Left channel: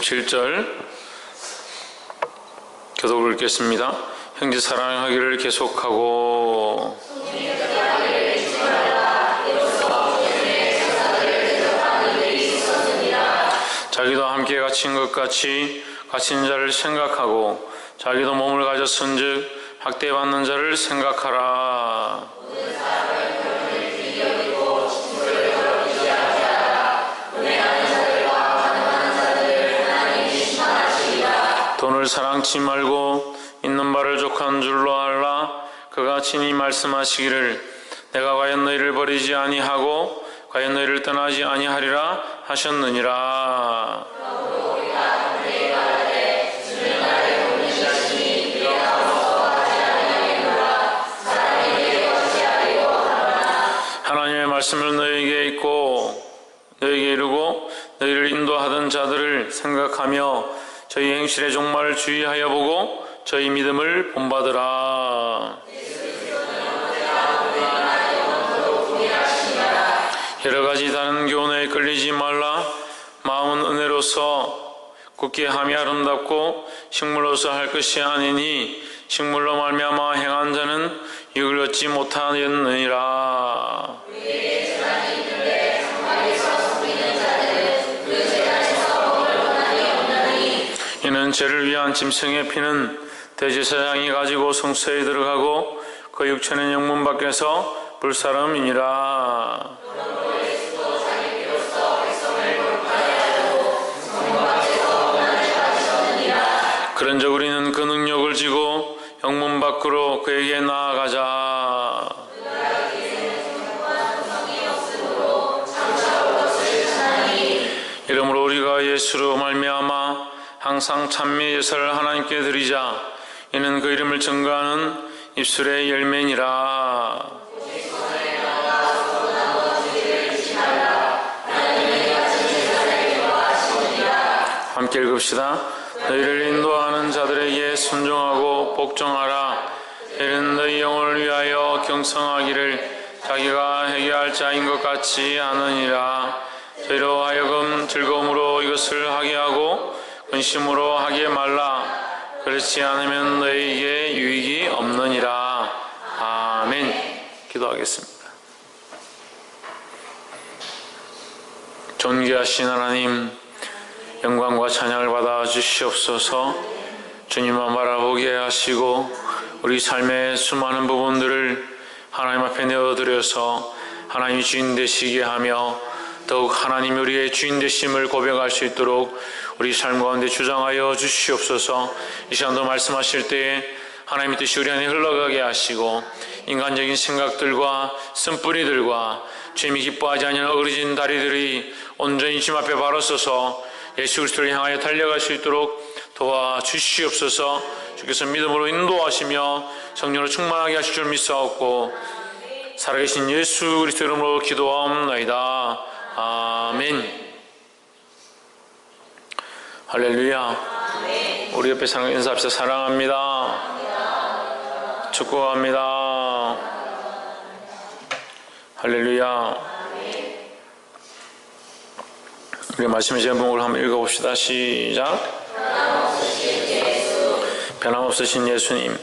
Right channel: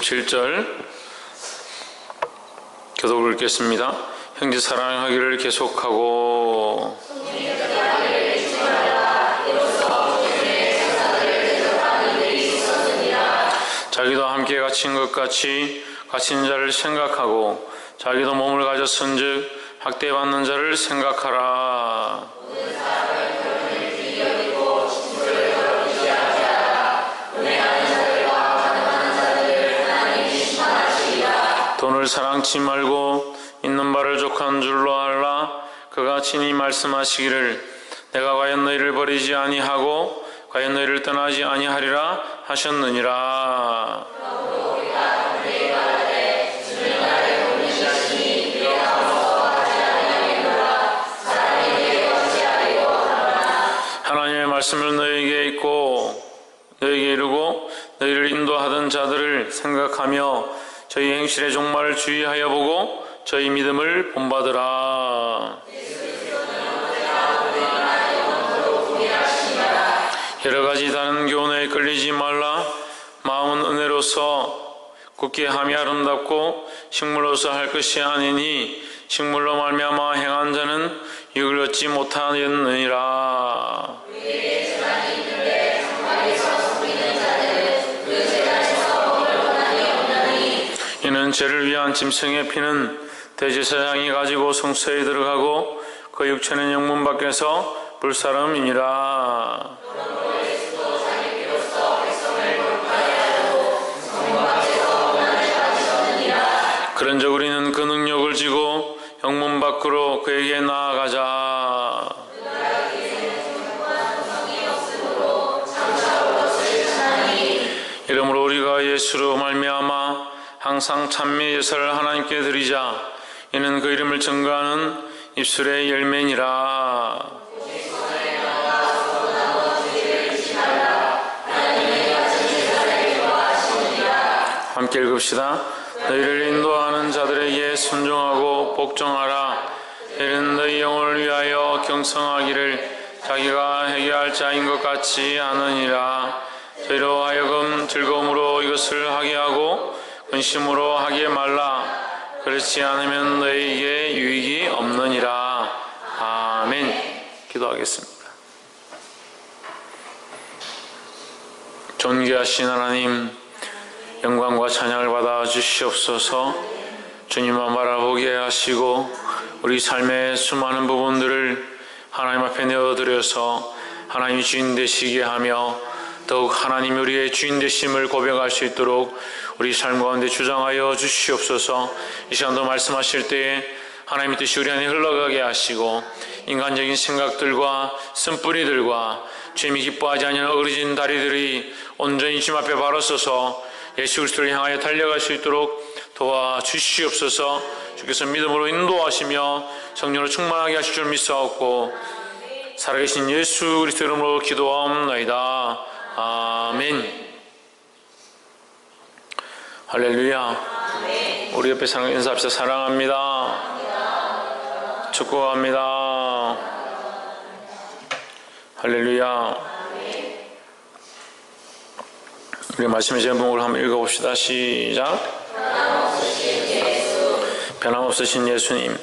57절 교독을 읽겠습니다. 형제 사랑하기를 계속하고 자기도 함께 갇힌 것 같이 갇힌 자를 생각하고 자기도 몸을 가졌은즉 학대받는 자를 생각하라. 돈을 사랑치 말고 있는 바를 족한 줄로 알라. 그가 친히 말씀하시기를 내가 과연 너희를 버리지 아니하고 과연 너희를 떠나지 아니하리라 하셨느니라. 하나님의 말씀을 너희에게 읽고 너희에게 이르고 너희를 인도하던 자들을 생각하며 저희 행실의 종말을 주의하여 보고 저희 믿음을 본받으라. 여러 가지 다른 교훈에 끌리지 말라. 마음은 은혜로서 굳게 함이 아름답고 식물로서 할 것이 아니니 식물로 말미암아 행한 자는 이익을 얻지 못하였느니라. 이는 죄를 위한 짐승의 피는 대제사장이 가지고 성소에 들어가고 그 육체는 영문 밖에서 불사름이니라. 그런즉 우리는 그 능력을 지고 영문 밖으로 그에게 나아가자. 이러므로 우리가 예수로 말미암아 항상 찬미 예사를 하나님께 드리자. 이는 그 이름을 증거하는 입술의 열매니라. 함께 읽읍시다. 너희를 인도하는 자들에게 순종하고 복종하라. 이는 너희 영혼을 위하여 경성하기를 자기가 해결할 자인 것 같이 하느니라. 저희로 하여금 즐거움으로 이것을 하게 하고 근심으로 하게 말라. 그렇지 않으면 너희에게 유익이 없느니라. 아멘. 기도하겠습니다. 존귀하신 하나님, 영광과 찬양을 받아 주시옵소서. 주님만 바라보게 하시고 우리 삶의 수많은 부분들을 하나님 앞에 내어드려서 하나님이 주인 되시게 하며 더욱 하나님이 우리의 주인 되심을 고백할 수 있도록 우리 삶 가운데 주장하여 주시옵소서. 이 시간도 말씀하실 때에 하나님의 뜻이 우리 안에 흘러가게 하시고 인간적인 생각들과 쓴뿌리들과 주님이 기뻐하지 않는 어그러진 다리들이 온전히 주님 앞에 바로 서서 예수 그리스도를 향하여 달려갈 수 있도록 도와주시옵소서. 주께서 믿음으로 인도하시며 성령으로 충만하게 하실 줄 믿사옵고 살아계신 예수 그리스도 이름으로 기도하옵나이다. 아멘. 할렐루야. 우리 옆에 사랑 인사합시다. 사랑합니다. 축복합니다. 할렐루야. 우리 말씀의 제목을 한번 읽어봅시다. 시작. 변함없으신 예수님.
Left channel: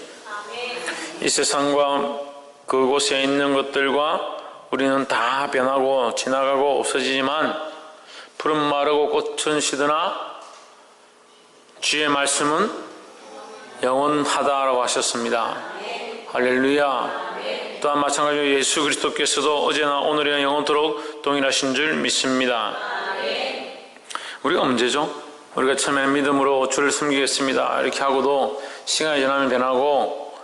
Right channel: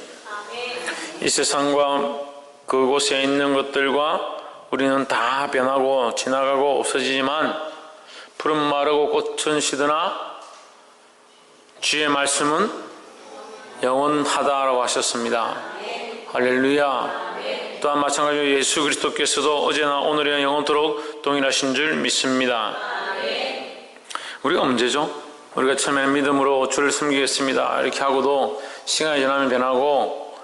이 세상과 그곳에 있는 것들과 우리는 다 변하고 지나가고 없어지지만 푸른 마르고 꽃은 시드나 주의 말씀은 영원하다라고 하셨습니다. 할렐루야. 또한 마찬가지로 예수 그리스도께서도 어제나 오늘이나 영원토록 동일하신 줄 믿습니다. 우리가 문제죠. 우리가 처음에는 믿음으로 주를 섬기겠습니다 이렇게 하고도 시간이 지나면 변하고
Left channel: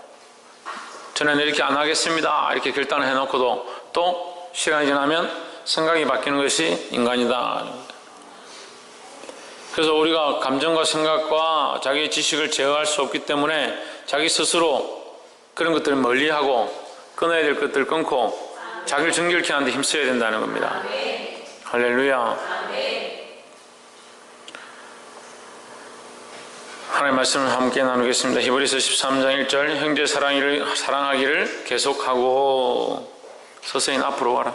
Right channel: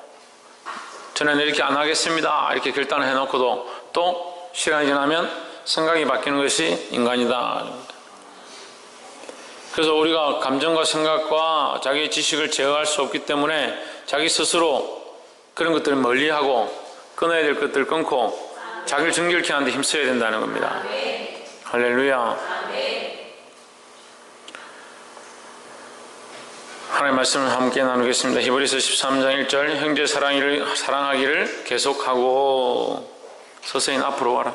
저는 이렇게 안 하겠습니다 이렇게 결단을 해놓고도 또 시간이 지나면 생각이 바뀌는 것이 인간이다. 그래서 우리가 감정과 생각과 자기의 지식을 제어할 수 없기 때문에 자기 스스로 그런 것들을 멀리하고 끊어야 될 것들을 끊고 자기를 정결케 하는 데 힘써야 된다는 겁니다. 할렐루야. 하나님의 말씀을 함께 나누겠습니다. 히브리서 13장 1절 형제 사랑하기를 계속하고. 서서히 앞으로 와라.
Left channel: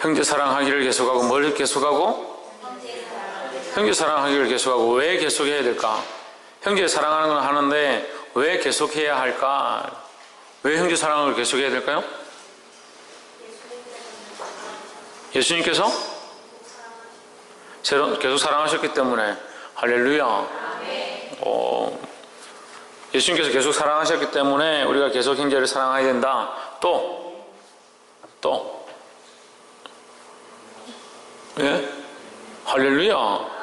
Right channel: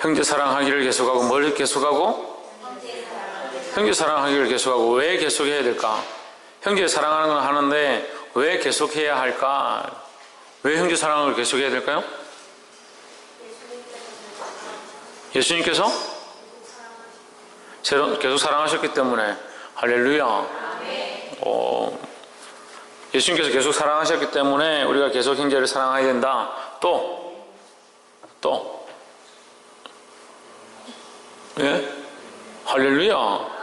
형제 사랑하기를 계속하고. 뭘 계속하고? 형제 사랑하기를 계속하고 왜 계속해야 될까? 형제 사랑하는 건 하는데 왜 계속해야 할까? 왜 형제 사랑을 계속해야 될까요? 예수님께서 계속 사랑하셨기 때문에. 할렐루야. 예수님께서 계속 사랑하셨기 때문에 우리가 계속 형제를 사랑해야 된다. 또 예? 할렐루야.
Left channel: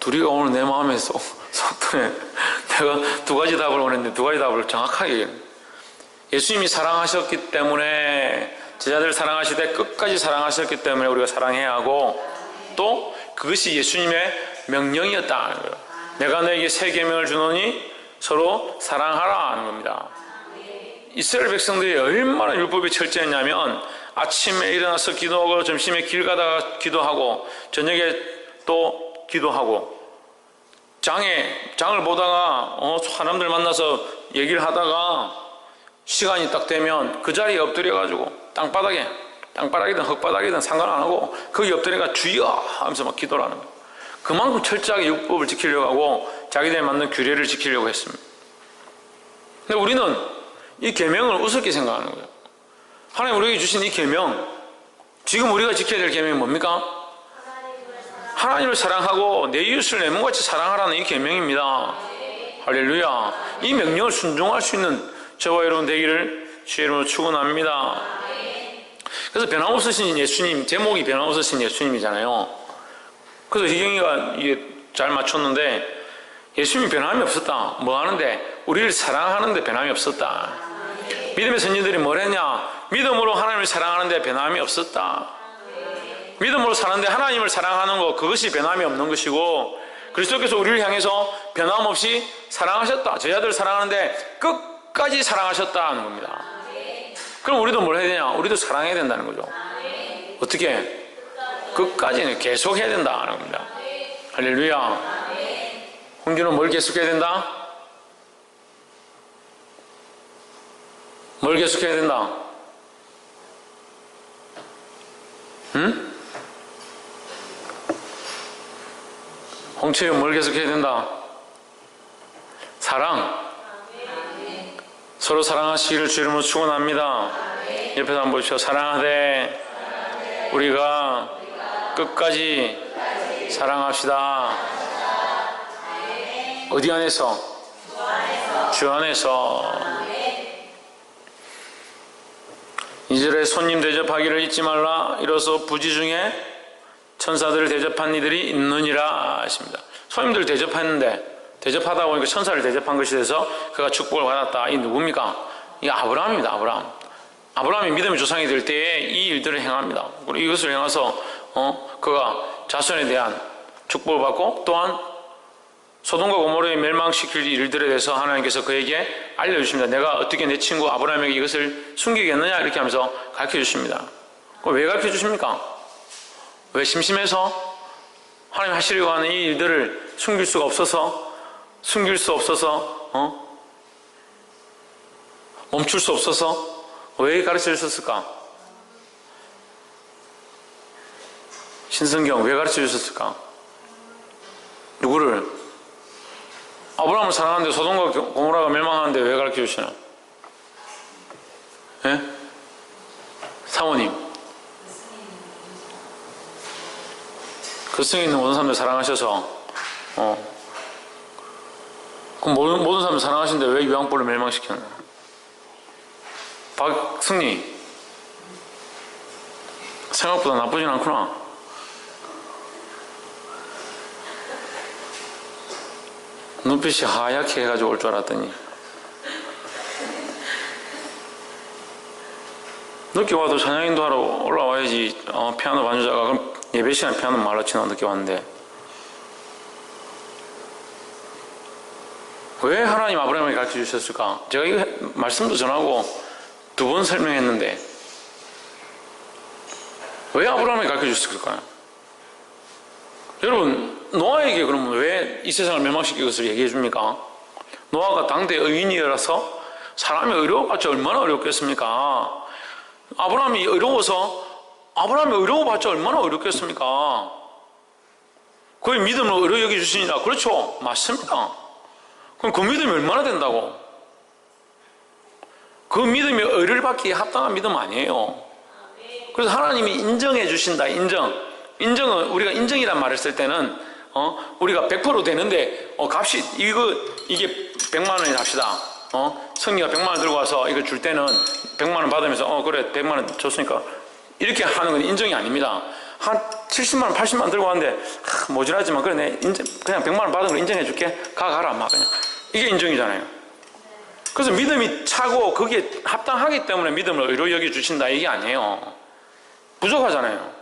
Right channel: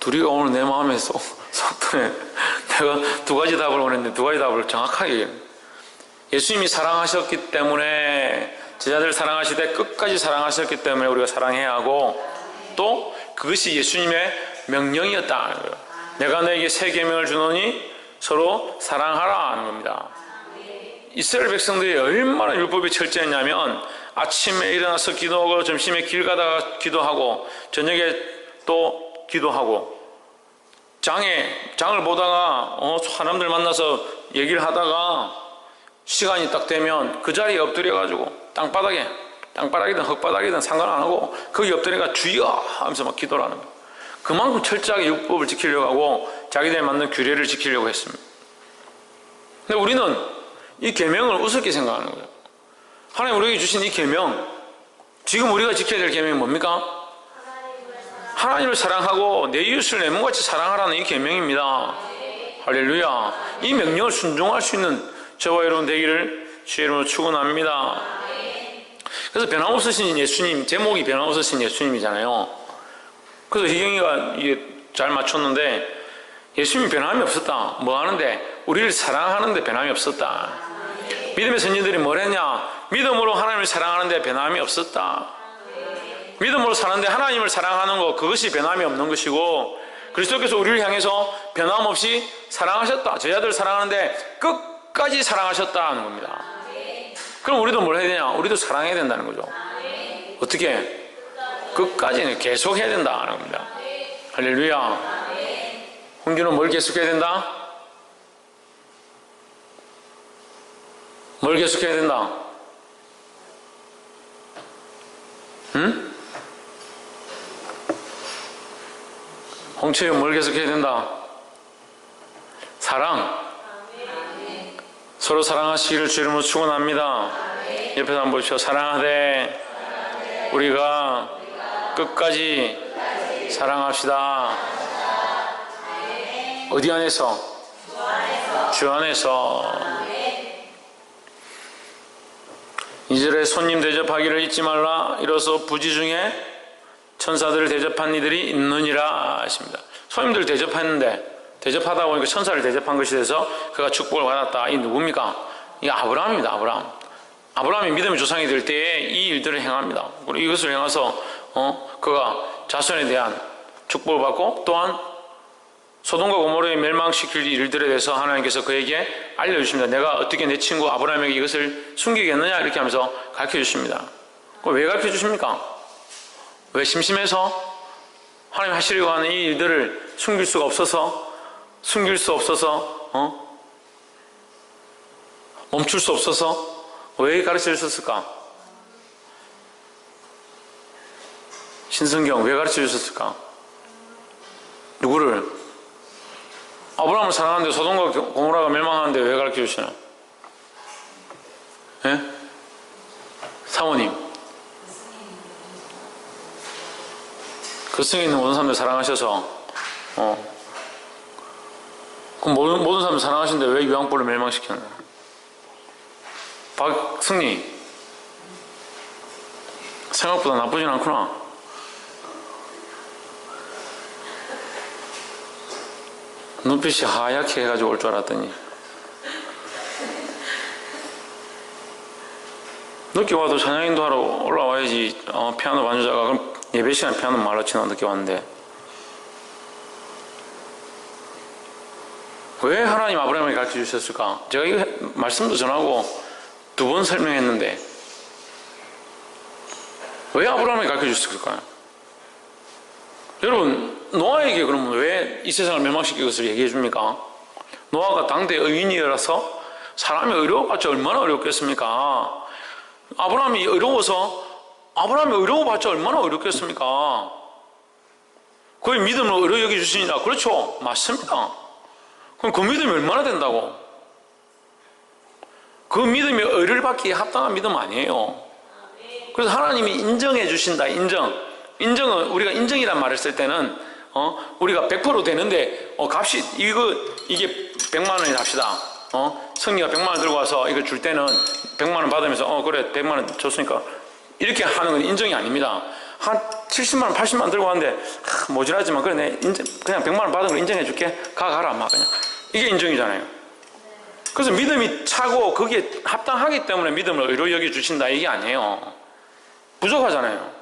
둘이가 오늘 내 마음에 속도에 내가 두 가지 답을 원했는데 두 가지 답을 정확하게. 예수님이 사랑하셨기 때문에, 제자들을 사랑하실 때 끝까지 사랑하셨기 때문에 우리가 사랑해야 하고, 또 그것이 예수님의 명령이었다. 내가 너에게 새 계명을 주노니 서로 사랑하라 하는 겁니다. 이스라엘 백성들이 얼마나 율법이 철저했냐면 아침에 일어나서 기도하고, 점심에 길 가다가 기도하고, 저녁에 또 기도하고, 장을 보다가 사람들 만나서 얘기를 하다가 시간이 딱 되면 그 자리에 엎드려가지고 땅바닥이든 흙바닥이든 상관 안 하고 거기 엎드려가 주여 하면서 막 기도를 하는 거예요. 그만큼 철저하게 율법을 지키려고 하고 자기들에 맞는 규례를 지키려고 했습니다. 근데 우리는 이 계명을 우습게 생각하는 거예요. 하나님 우리에게 주신 이 계명, 지금 우리가 지켜야 될 계명이 뭡니까? 하나님을 사랑하고 내 이웃을 내 몸같이 사랑하라는 이 계명입니다. 할렐루야. 이 명령을 순종할 수 있는 저와 여러분 되기를 주의 이름으로 축원합니다. 그래서 변함없으신 예수님, 제목이 변함없으신 예수님이잖아요. 그래서 희경이가 이게 잘 맞췄는데, 예수님이 변함이 없었다. 뭐 하는데? 우리를 사랑하는데 변함이 없었다. 믿음의 선지들이 뭘 했냐? 믿음으로 하나님을 사랑하는데 변함이 없었다. 믿음으로 사는데 하나님을 사랑하는 것, 그것이 변함이 없는 것이고, 그리스도께서 우리를 향해서 변함없이 사랑하셨다. 제자들을 사랑하는데 끝까지 사랑하셨다는 겁니다. 그럼 우리도 뭘 해야 되냐? 우리도 사랑해야 된다는 거죠. 어떻게? 끝까지 계속 해야 된다는 겁니다. 할렐루야. 홍준은 뭘 계속해야 된다? 뭘 계속해야 된다? 응? 홍채윤 뭘 계속해야 된다? 사랑. 서로 사랑하시기를 주 이름으로 축원합니다. 옆에서 한번 보십시오. 사랑하되 우리가 끝까지 사랑합시다. 어디 안에서? 주 안에서. 2절에 손님 대접하기를 잊지 말라. 이로써 부지 중에 천사들을 대접한 이들이 있느니라 하십니다. 손님들 대접했는데, 대접하다 보니까 천사를 대접한 것이 돼서 그가 축복을 받았다. 이 누굽니까? 이 아브라함입니다. 아브라함이 믿음의 조상이 될 때에 이 일들을 행합니다. 그리고 이것을 행해서 그가 자손에 대한 축복을 받고, 또한 소돔과 고모라에 멸망시킬 일들에 대해서 하나님께서 그에게 알려주십니다. 내가 어떻게 내 친구 아브라함에게 이것을 숨기겠느냐 이렇게 하면서 가르쳐주십니다. 그럼 왜 가르쳐주십니까? 왜? 심심해서? 하나님 하시려고 하는 이 일들을 숨길 수 없어서 멈출 수 없어서 왜 가르쳐 주셨을까? 신성경 왜 가르쳐 주셨을까? 누구를? 아브라함을 사랑하는데 소돔과 고모라가 멸망하는데 왜 가르쳐 주시나? 예? 사모님, 그 성에 있는 모든 사람들 사랑하셔서 그럼 모든 사람들 사랑하시는데 왜 유황불을 멸망시키는 거야? 박승리, 생각보다 나쁘진 않구나. 눈빛이 하얗게 해가지고 올 줄 알았더니 늦게 와도 찬양인도 하러 올라와야지. 피아노 반주자가 그럼 예배 시간에 피아노 말로 치나 늦게 왔는데, 왜 하나님 아브라함에게 가르쳐 주셨을까? 제가 이거 말씀도 전하고 두 번 설명했는데 왜 아브라함에게 가르쳐 주셨을까요? 여러분, 노아에게 그러면 왜 이 세상을 멸망시킬 것을 얘기해 줍니까? 노아가 당대 의인이라서, 사람이 어려워봤자 얼마나 어렵겠습니까? 아브라함이 어려워봤자 얼마나 어렵겠습니까? 그의 믿음을 의로 여겨주시니라. 그렇죠, 맞습니다. 그럼 그 믿음이 얼마나 된다고? 그 믿음이 의를 받기에 합당한 믿음 아니에요. 그래서 하나님이 인정해 주신다. 인정은 우리가 인정이란 말을 쓸 때는 우리가 100% 되는데 값이 이게 100만 원이 합시다. 성리가 100만 원 들고 와서 이거 줄 때는 100만 원 받으면서 그래 100만 원 줬으니까 이렇게 하는 건 인정이 아닙니다. 한 70만 원 80만 원 들고 왔는데 모자라지만 그래 내 그냥 100만 원 받은 걸 인정해 줄게. 가라 막 그냥 이게 인정이잖아요. 그래서 믿음이 차고 그게 합당하기 때문에 믿음을 의로 여겨주신다 이게 아니에요. 부족하잖아요.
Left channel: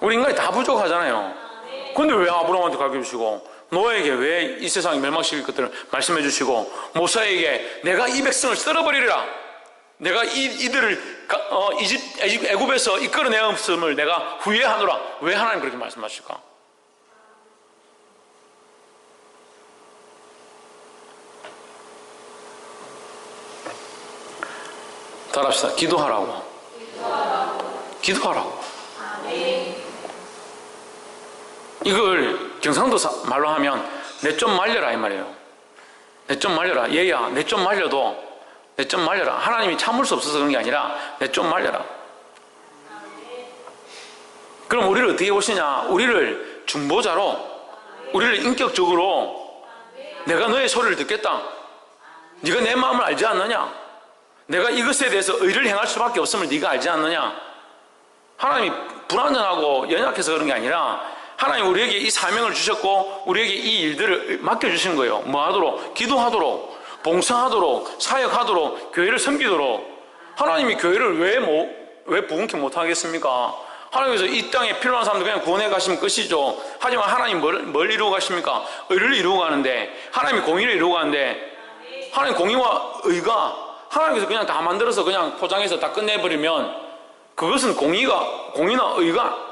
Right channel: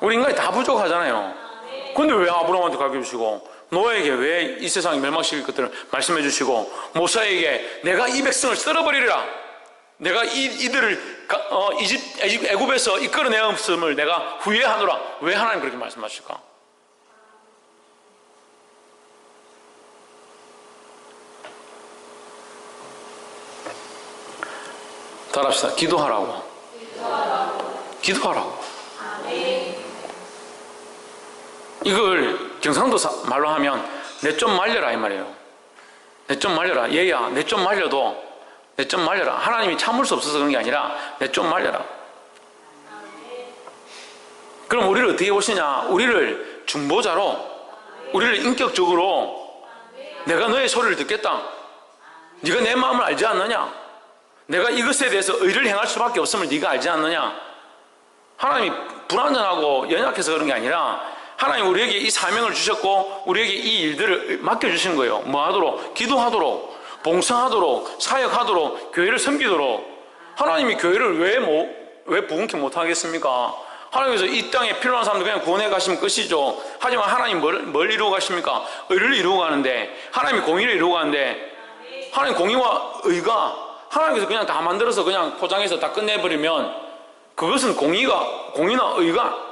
우리 인간이 다 부족하잖아요. 근데 왜 아브라함한테 가르쳐주시고 노아에게 왜 이 세상이 멸망시킬 것들을 말씀해 주시고 모세에게 내가 이 백성을 썰어버리리라. 내가 이들을 애굽에서 이끌어내었음을 내가 후회하노라. 왜 하나님 그렇게 말씀하실까? 따라합시다. 기도하라고. 기도하라고. 이걸 경상도 말로 하면 내 좀 말려라 이 말이에요. 내 좀 말려라. 얘야 내 좀 말려도 내 좀 말려라. 하나님이 참을 수 없어서 그런 게 아니라 내 좀 말려라. 그럼 우리를 어떻게 보시냐? 우리를 중보자로, 우리를 인격적으로 내가 너의 소리를 듣겠다. 네가 내 마음을 알지 않느냐? 내가 이것에 대해서 의를 행할 수밖에 없음을 네가 알지 않느냐? 하나님이 불완전하고 연약해서 그런 게 아니라 하나님 우리에게 이 사명을 주셨고 우리에게 이 일들을 맡겨주신 거예요. 뭐 하도록? 기도하도록, 봉사하도록, 사역하도록, 교회를 섬기도록. 하나님이 교회를 왜 부흥케 못하겠습니까? 하나님께서 이 땅에 필요한 사람들 그냥 구원해 가시면 끝이죠. 하지만 하나님 뭘 이루고 가십니까? 의를 이루고 가는데, 하나님이 공의를 이루고 가는데, 하나님 공의와 의가 하나님께서 그냥 다 만들어서 그냥 포장해서 다 끝내버리면 그것은 공의나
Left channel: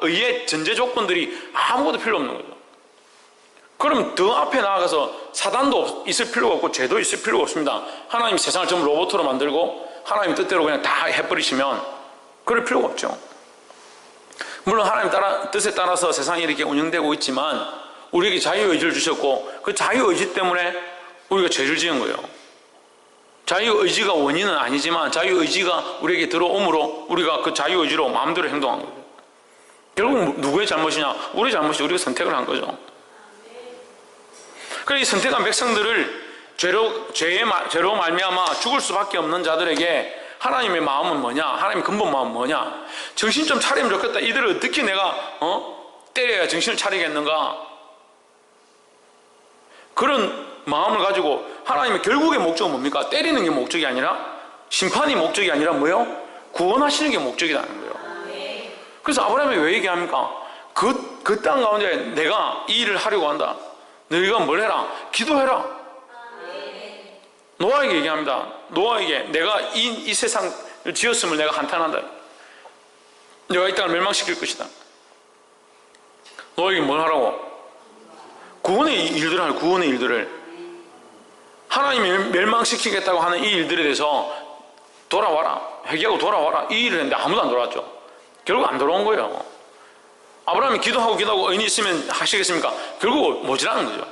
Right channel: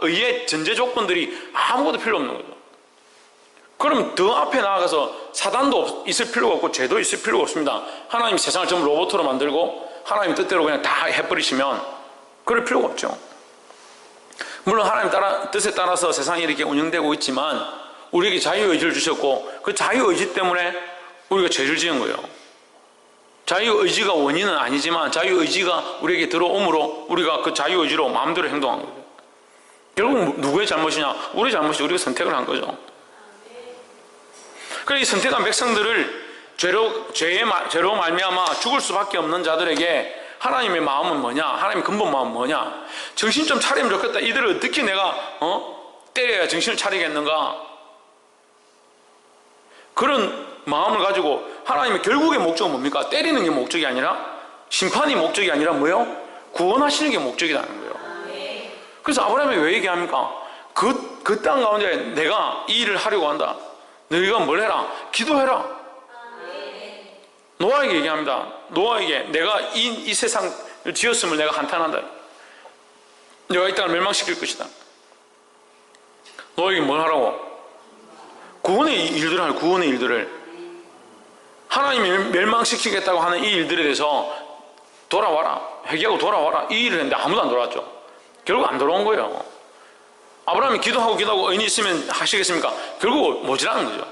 의의 전제 조건들이 아무것도 필요 없는 거죠. 그럼 더 앞에 나아가서 사단도 있을 필요가 없고 죄도 있을 필요가 없습니다. 하나님이 세상을 전부 로봇으로 만들고 하나님 뜻대로 그냥 다 해버리시면 그럴 필요가 없죠. 물론 하나님 뜻에 따라서 세상이 이렇게 운영되고 있지만 우리에게 자유의지를 주셨고 그 자유의지 때문에 우리가 죄를 지은 거예요. 자유의지가 원인은 아니지만 자유의지가 우리에게 들어옴으로 우리가 그 자유의지로 마음대로 행동한 거예요. 결국 누구의 잘못이냐? 우리의 잘못이 우리가 선택을 한 거죠. 그래서 이 선택한 백성들을 죄로 말미암아 죽을 수밖에 없는 자들에게 하나님의 마음은 뭐냐? 하나님의 근본 마음은 뭐냐? 정신 좀 차리면 좋겠다. 이들을 어떻게 내가 때려야 정신을 차리겠는가? 그런 마음을 가지고 하나님의 결국의 목적은 뭡니까? 때리는 게 목적이 아니라, 심판이 목적이 아니라 뭐예요? 구원하시는 게 목적이라는 거예요. 그래서 아브라함이 왜 얘기합니까? 그 땅 가운데 내가 이 일을 하려고 한다. 너희가 뭘 해라? 기도해라. 노아에게 얘기합니다. 노아에게 내가 이 세상을 지었음을 내가 한탄한다. 내가 이 땅을 멸망시킬 것이다. 노아에게 뭘 하라고? 구원의 일들을 하라. 구원의 일들을. 하나님이 멸망시키겠다고 하는 이 일들에 대해서 돌아와라. 회개하고 돌아와라. 이 일을 했는데 아무도 안 돌아왔죠. 결국 안 돌아온 거예요. 아브라함이 기도하고 의인이 있으면 하시겠습니까? 결국 모자라는 거죠.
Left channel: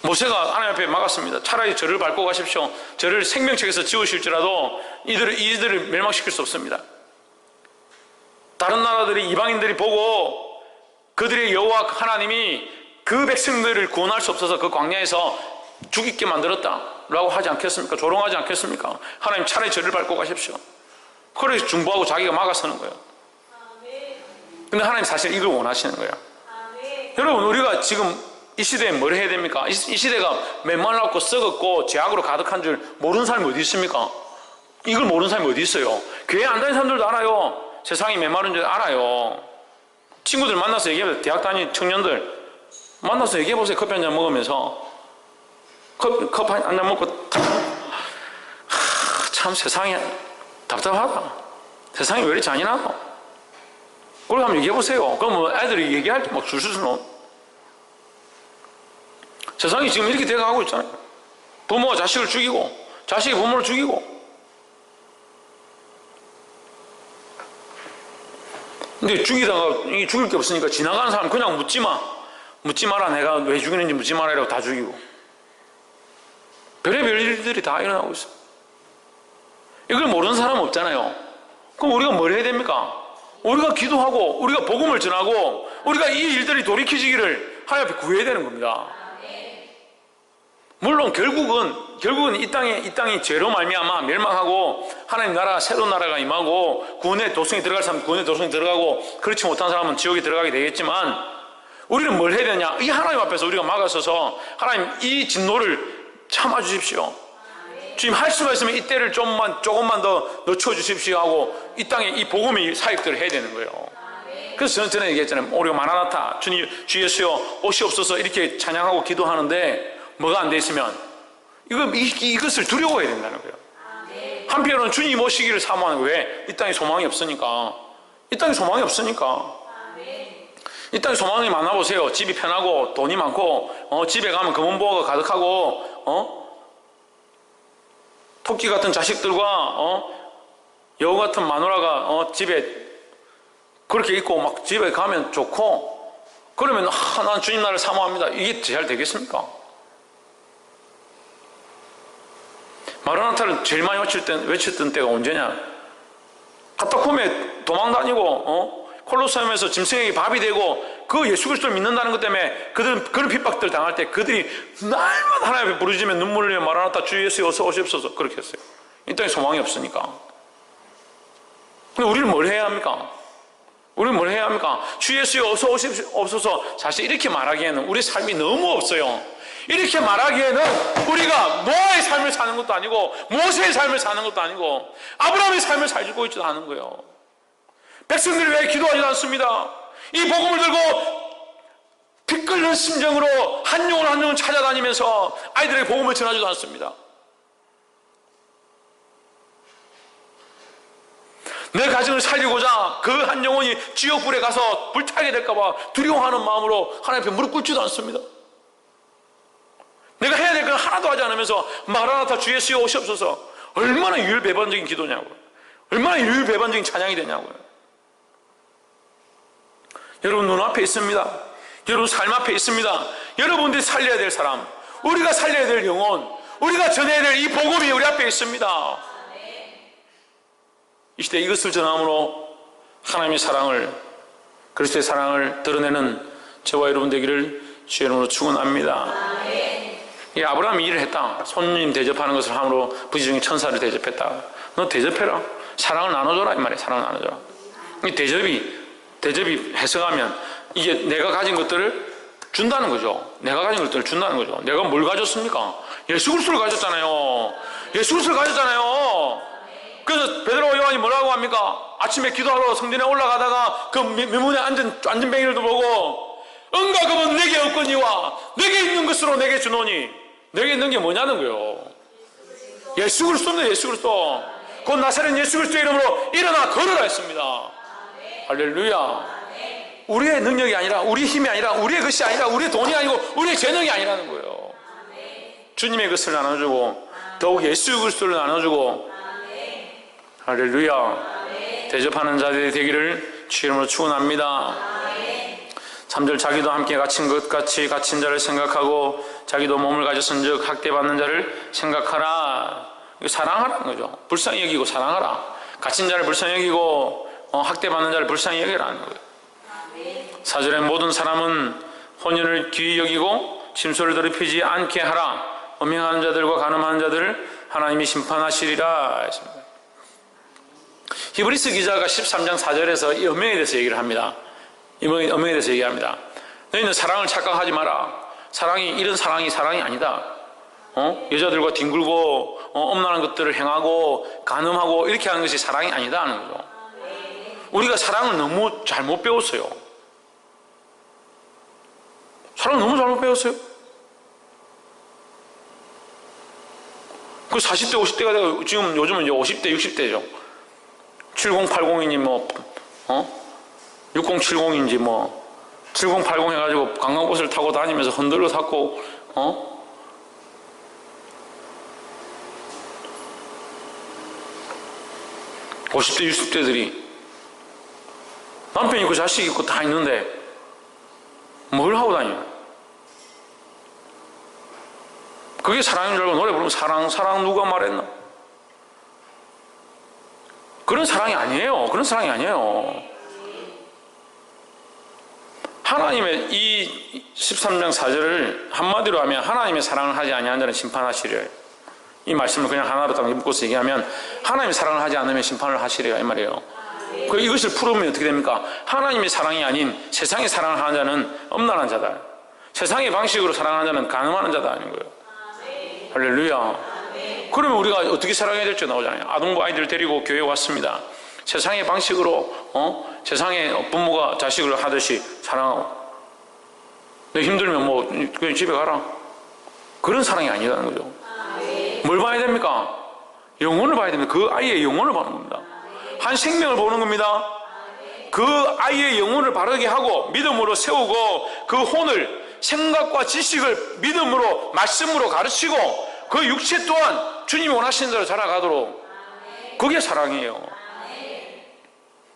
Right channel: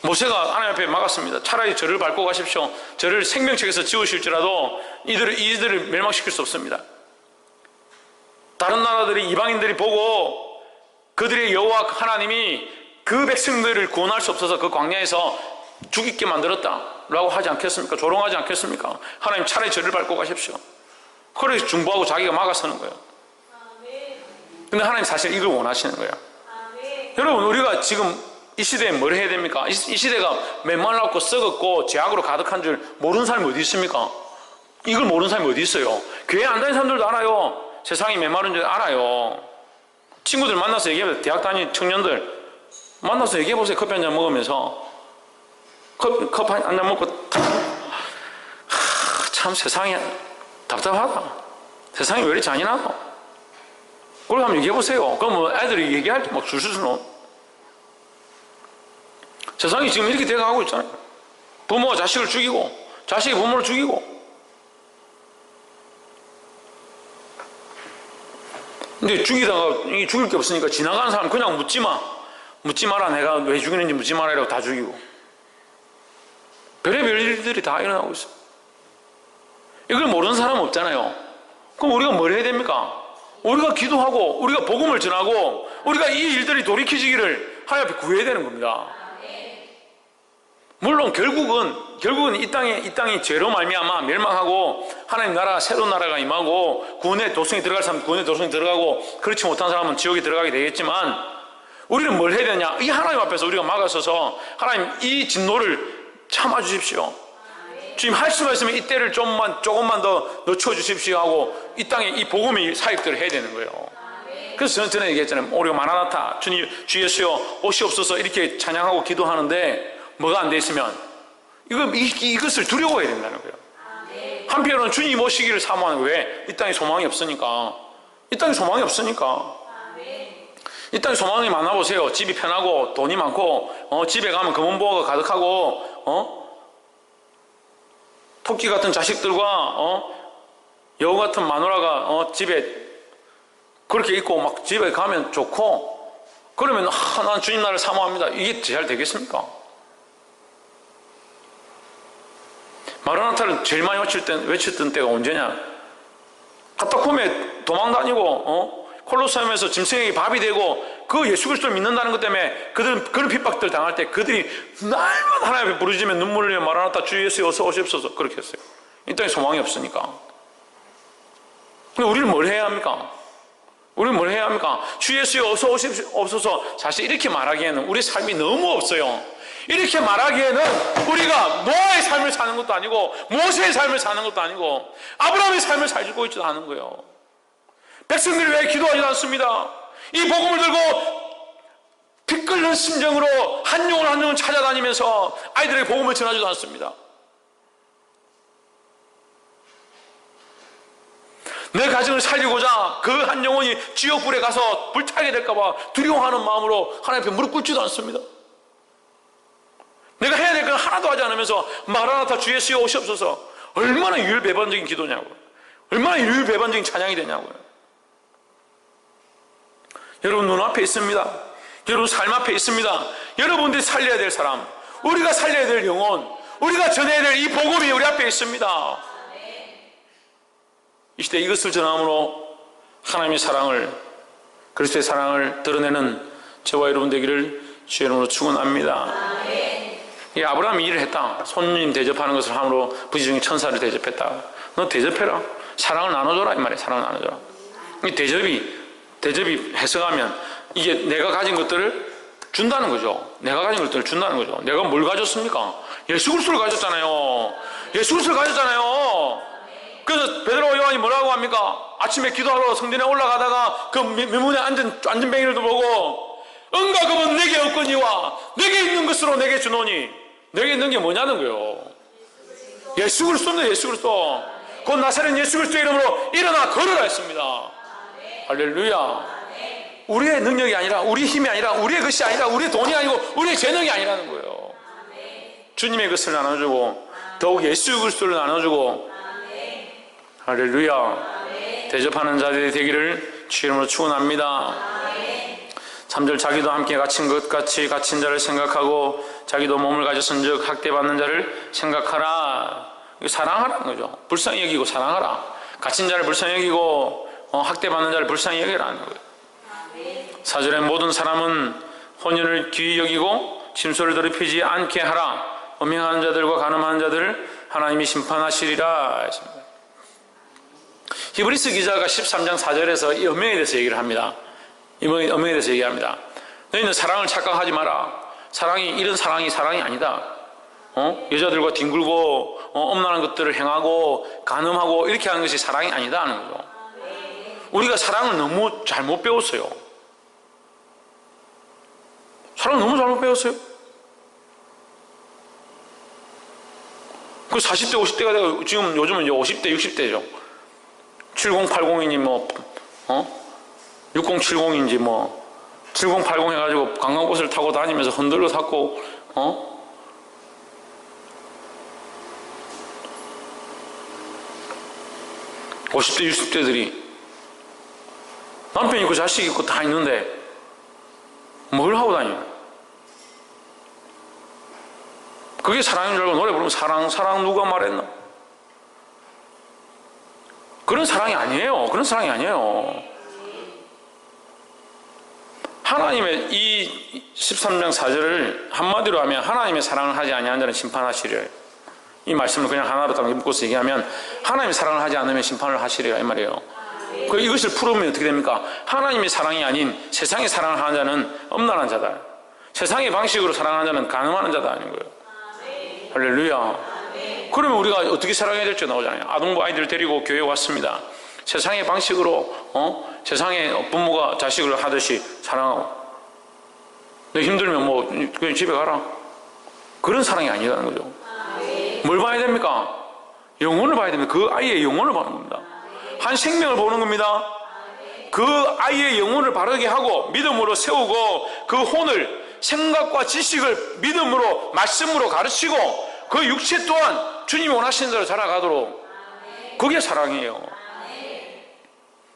모세가 하나님 앞에 막았습니다. 차라리 저를 밟고 가십시오. 저를 생명책에서 지우실지라도 이들을 멸망시킬 수 없습니다. 다른 나라들이, 이방인들이 보고 그들의 여호와 하나님이 그 백성들을 구원할 수 없어서 그 광야에서 죽이게 만들었다라고 하지 않겠습니까? 조롱하지 않겠습니까? 하나님 차라리 저를 밟고 가십시오. 그래서 중보하고 자기가 막아서는 거예요. 근데 하나님 사실 이걸 원하시는 거예요. 여러분, 우리가 지금 이 시대에 뭘 해야 됩니까? 이 시대가 메말랐고 썩었고 죄악으로 가득한 줄 모르는 사람이 어디 있습니까? 이걸 모르는 사람이 어디 있어요? 교회 안 다니는 사람들도 알아요. 세상이 메마른 줄 알아요. 친구들 만나서 얘기해보세요. 대학 다니는 청년들 만나서 얘기해보세요. 커피 한잔 먹으면서 커피 한잔 먹고 참 세상이 답답하다. 세상이 왜 이렇게 잔인하다. 그걸 한번 얘기해보세요. 그럼 뭐 애들이 얘기할 때 막 줄줄줄 세상이 지금 이렇게 돼가고 있잖아요. 부모가 자식을 죽이고 자식이 부모를 죽이고 근데 죽이다가 죽일 게 없으니까 지나가는 사람 그냥 묻지 마. 묻지 마라. 내가 왜 죽이는지 묻지 마라. 이라고 다 죽이고. 별의별 일들이 다 일어나고 있어요. 이걸 모르는 사람은 없잖아요. 그럼 우리가 뭘 해야 됩니까? 우리가 기도하고 우리가 복음을 전하고 우리가 이 일들이 돌이켜지기를 하나님 앞에 구해야 되는 겁니다. 물론 결국은 이 땅이 죄로 말미암아 멸망하고 하나님 나라가 새로운 나라가 임하고 구원의 도성에 들어갈 사람은 구원의 도성에 들어가고 그렇지 못한 사람은 지옥에 들어가게 되겠지만 우리는 뭘 해야 되냐? 이 하나님 앞에서 우리가 막아서서 하나님 이 진노를 참아주십시오. 주님 할 수가 있으면 이 때를 조금만 더 늦춰 주십시오 하고 이 땅에 이 복음의 사역들을 해야 되는 거예요. 그래서 저는 전에 얘기했잖아요. 우리가 마라나타 주님 주 예수여 오시옵소서 이렇게 찬양하고 기도하는데 뭐가 안 돼 있으면 이것을 두려워해야 된다는 거예요. 한편으로는 주님 오시기를 사모하는 거예요. 왜? 이 땅에 소망이 없으니까. 이 땅에 소망이 없으니까. 이 땅에 소망이 많아보세요. 집이 편하고 돈이 많고 집에 가면 금은보화가 가득하고 토끼 같은 자식들과 여우 같은 마누라가 집에 그렇게 있고 막 집에 가면 좋고 그러면 난 주님 나라를 사모합니다. 이게 잘 되겠습니까? 마라나타를 제일 많이 외쳤던 때가 언제냐? 카타콤에 도망다니고 콜로세움에서 짐승에게 밥이 되고 그 예수 그리스도를 믿는다는 것 때문에 그들은 그런 핍박들 당할 때 그들이 날마다 하나님 앞에 부르짖으며 눈물을 흘리며 마라나타 주 예수 어서 오시옵소서 그렇게 했어요. 이 땅에 소망이 없으니까. 근데 우리는 뭘 해야 합니까? 우리는 뭘 해야 합니까? 주 예수 어서 오시옵소서. 사실 이렇게 말하기에는 우리 삶이 너무 없어요. 이렇게 말하기에는 우리가 노아의 삶을 사는 것도 아니고 모세의 삶을 사는 것도 아니고 아브라함의 삶을 살고 있지도 않은 거예요. 백성들이 왜 기도하지 않습니다? 이 복음을 들고 피 끓는 심정으로 한 영혼 찾아다니면서 아이들에게 복음을 전하지도 않습니다. 내 가정을 살리고자 그 한 영혼이 지옥불에 가서 불타게 될까봐 두려워하는 마음으로 하나님 앞에 무릎 꿇지도 않습니다. 내가 해야 될 건 하나도 하지 않으면서 마라나타 주 예수여 오시옵소서. 얼마나 유율배반적인 기도냐고요. 얼마나 유율배반적인 찬양이 되냐고요. 여러분 눈앞에 있습니다. 여러분 삶 앞에 있습니다. 여러분들이 살려야 될 사람, 우리가 살려야 될 영혼, 우리가 전해야 될 이 복음이 우리 앞에 있습니다. 이 시대에 이것을 전함으로 하나님의 사랑을, 그리스도의 사랑을 드러내는 저와 여러분 되기를 주의 이름으로 축원합니다. 이 아브라함이 일을 했다. 손님 대접하는 것을 함으로 부지중에 천사를 대접했다. 너 대접해라. 사랑을 나눠줘라 이 말이야. 사랑을 나눠줘라. 이 대접이 해석하면 이게 내가 가진 것들을 준다는 거죠. 내가 가진 것들을 준다는 거죠. 내가 뭘 가졌습니까? 예수 그리스도를 가졌잖아요. 예수 그리스도를 가졌잖아요. 그래서 베드로와 요한이 뭐라고 합니까? 아침에 기도하러 성전에 올라가다가 그 묘문에 앉은 뱅이를 보고 응가금은 내게 없거니와 내게 있는 것으로 내게 주노니. 내게 있는 게 뭐냐는 거예요. 예수 그리스도입니다. 예수 그리스도. 곧 나사렛 예수 그리스도의 이름으로 일어나 걸으라 했습니다. 할렐루야. 우리의 능력이 아니라, 우리의 힘이 아니라, 우리의 것이 아니라, 우리의 돈이 아니고 우리의 재능이 아니라는 거예요. 주님의 것을 나눠주고 더욱 예수 그리스도를 나눠주고 할렐루야. 대접하는 자들이 되기를 주의 이름으로 축원합니다. 3절 자기도 함께 갇힌 것 같이 갇힌 자를 생각하고 자기도 몸을 가졌은즉 학대받는 자를 생각하라. 사랑하라는 거죠. 불쌍히 여기고 사랑하라. 갇힌 자를 불쌍히 여기고 학대받는 자를 불쌍히 여기라는 거예요. 4절에 모든 사람은 혼인을 귀히 여기고 침소를 더럽히지 않게 하라. 음행하는 자들과 간음하는 자들을 하나님이 심판하시리라 했습니다. 히브리서 기자가 13장 4절에서 이 음행에 대해서 얘기를 합니다. 음행에 대해서 얘기합니다. 너희는 사랑을 착각하지 마라. 이런 사랑이 아니다. 여자들과 뒹굴고 엄란한 것들을 행하고 간음하고 이렇게 하는 것이 사랑이 아니다 하는 거죠. 우리가 사랑을 너무 잘못 배웠어요. 사랑을 너무 잘못 배웠어요. 그 40대 50대가 되고 지금 요즘은 이제 50대 60대죠 7080이니 6070인지 7080 해가지고 관광버스를 타고 다니면서 흔들러 탔고 50대 60대들이 남편 있고 자식 있고 다 있는데 뭘 하고 다녀요? 그게 사랑인 줄 알고 노래 부르면 사랑 누가 말했나? 그런 사랑이 아니에요. 그런 사랑이 아니에요. 하나님의 이 13장 4절을 한마디로 하면 하나님의 사랑을 하지 아니하는 자는 심판하시리라. 이 말씀을 그냥 하나로 딱 묶어서 얘기하면 하나님의 사랑을 하지 않으면 심판을 하시리라 이 말이에요. 이것을 풀으면 어떻게 됩니까? 하나님의 사랑이 아닌 세상의 사랑을 하는 자는 엄란한 자다. 세상의 방식으로 사랑하는 자는 간음하는 자다 아닌 거예요. 할렐루야. 그러면 우리가 어떻게 사랑해야 될지 나오잖아요. 아동부 아이들 데리고 교회에 왔습니다. 세상의 방식으로 세상의 부모가 자식을 하듯이 사랑하고, 너 힘들면 뭐 그냥 집에 가라. 그런 사랑이 아니라는 거죠. 뭘 봐야 됩니까? 영혼을 봐야 됩니다. 그 아이의 영혼을 보는 겁니다. 한 생명을 보는 겁니다. 그 아이의 영혼을 바르게 하고 믿음으로 세우고 그 혼을 생각과 지식을 믿음으로 말씀으로 가르치고 그 육체 또한 주님이 원하시는 대로 자라가도록, 그게 사랑이에요.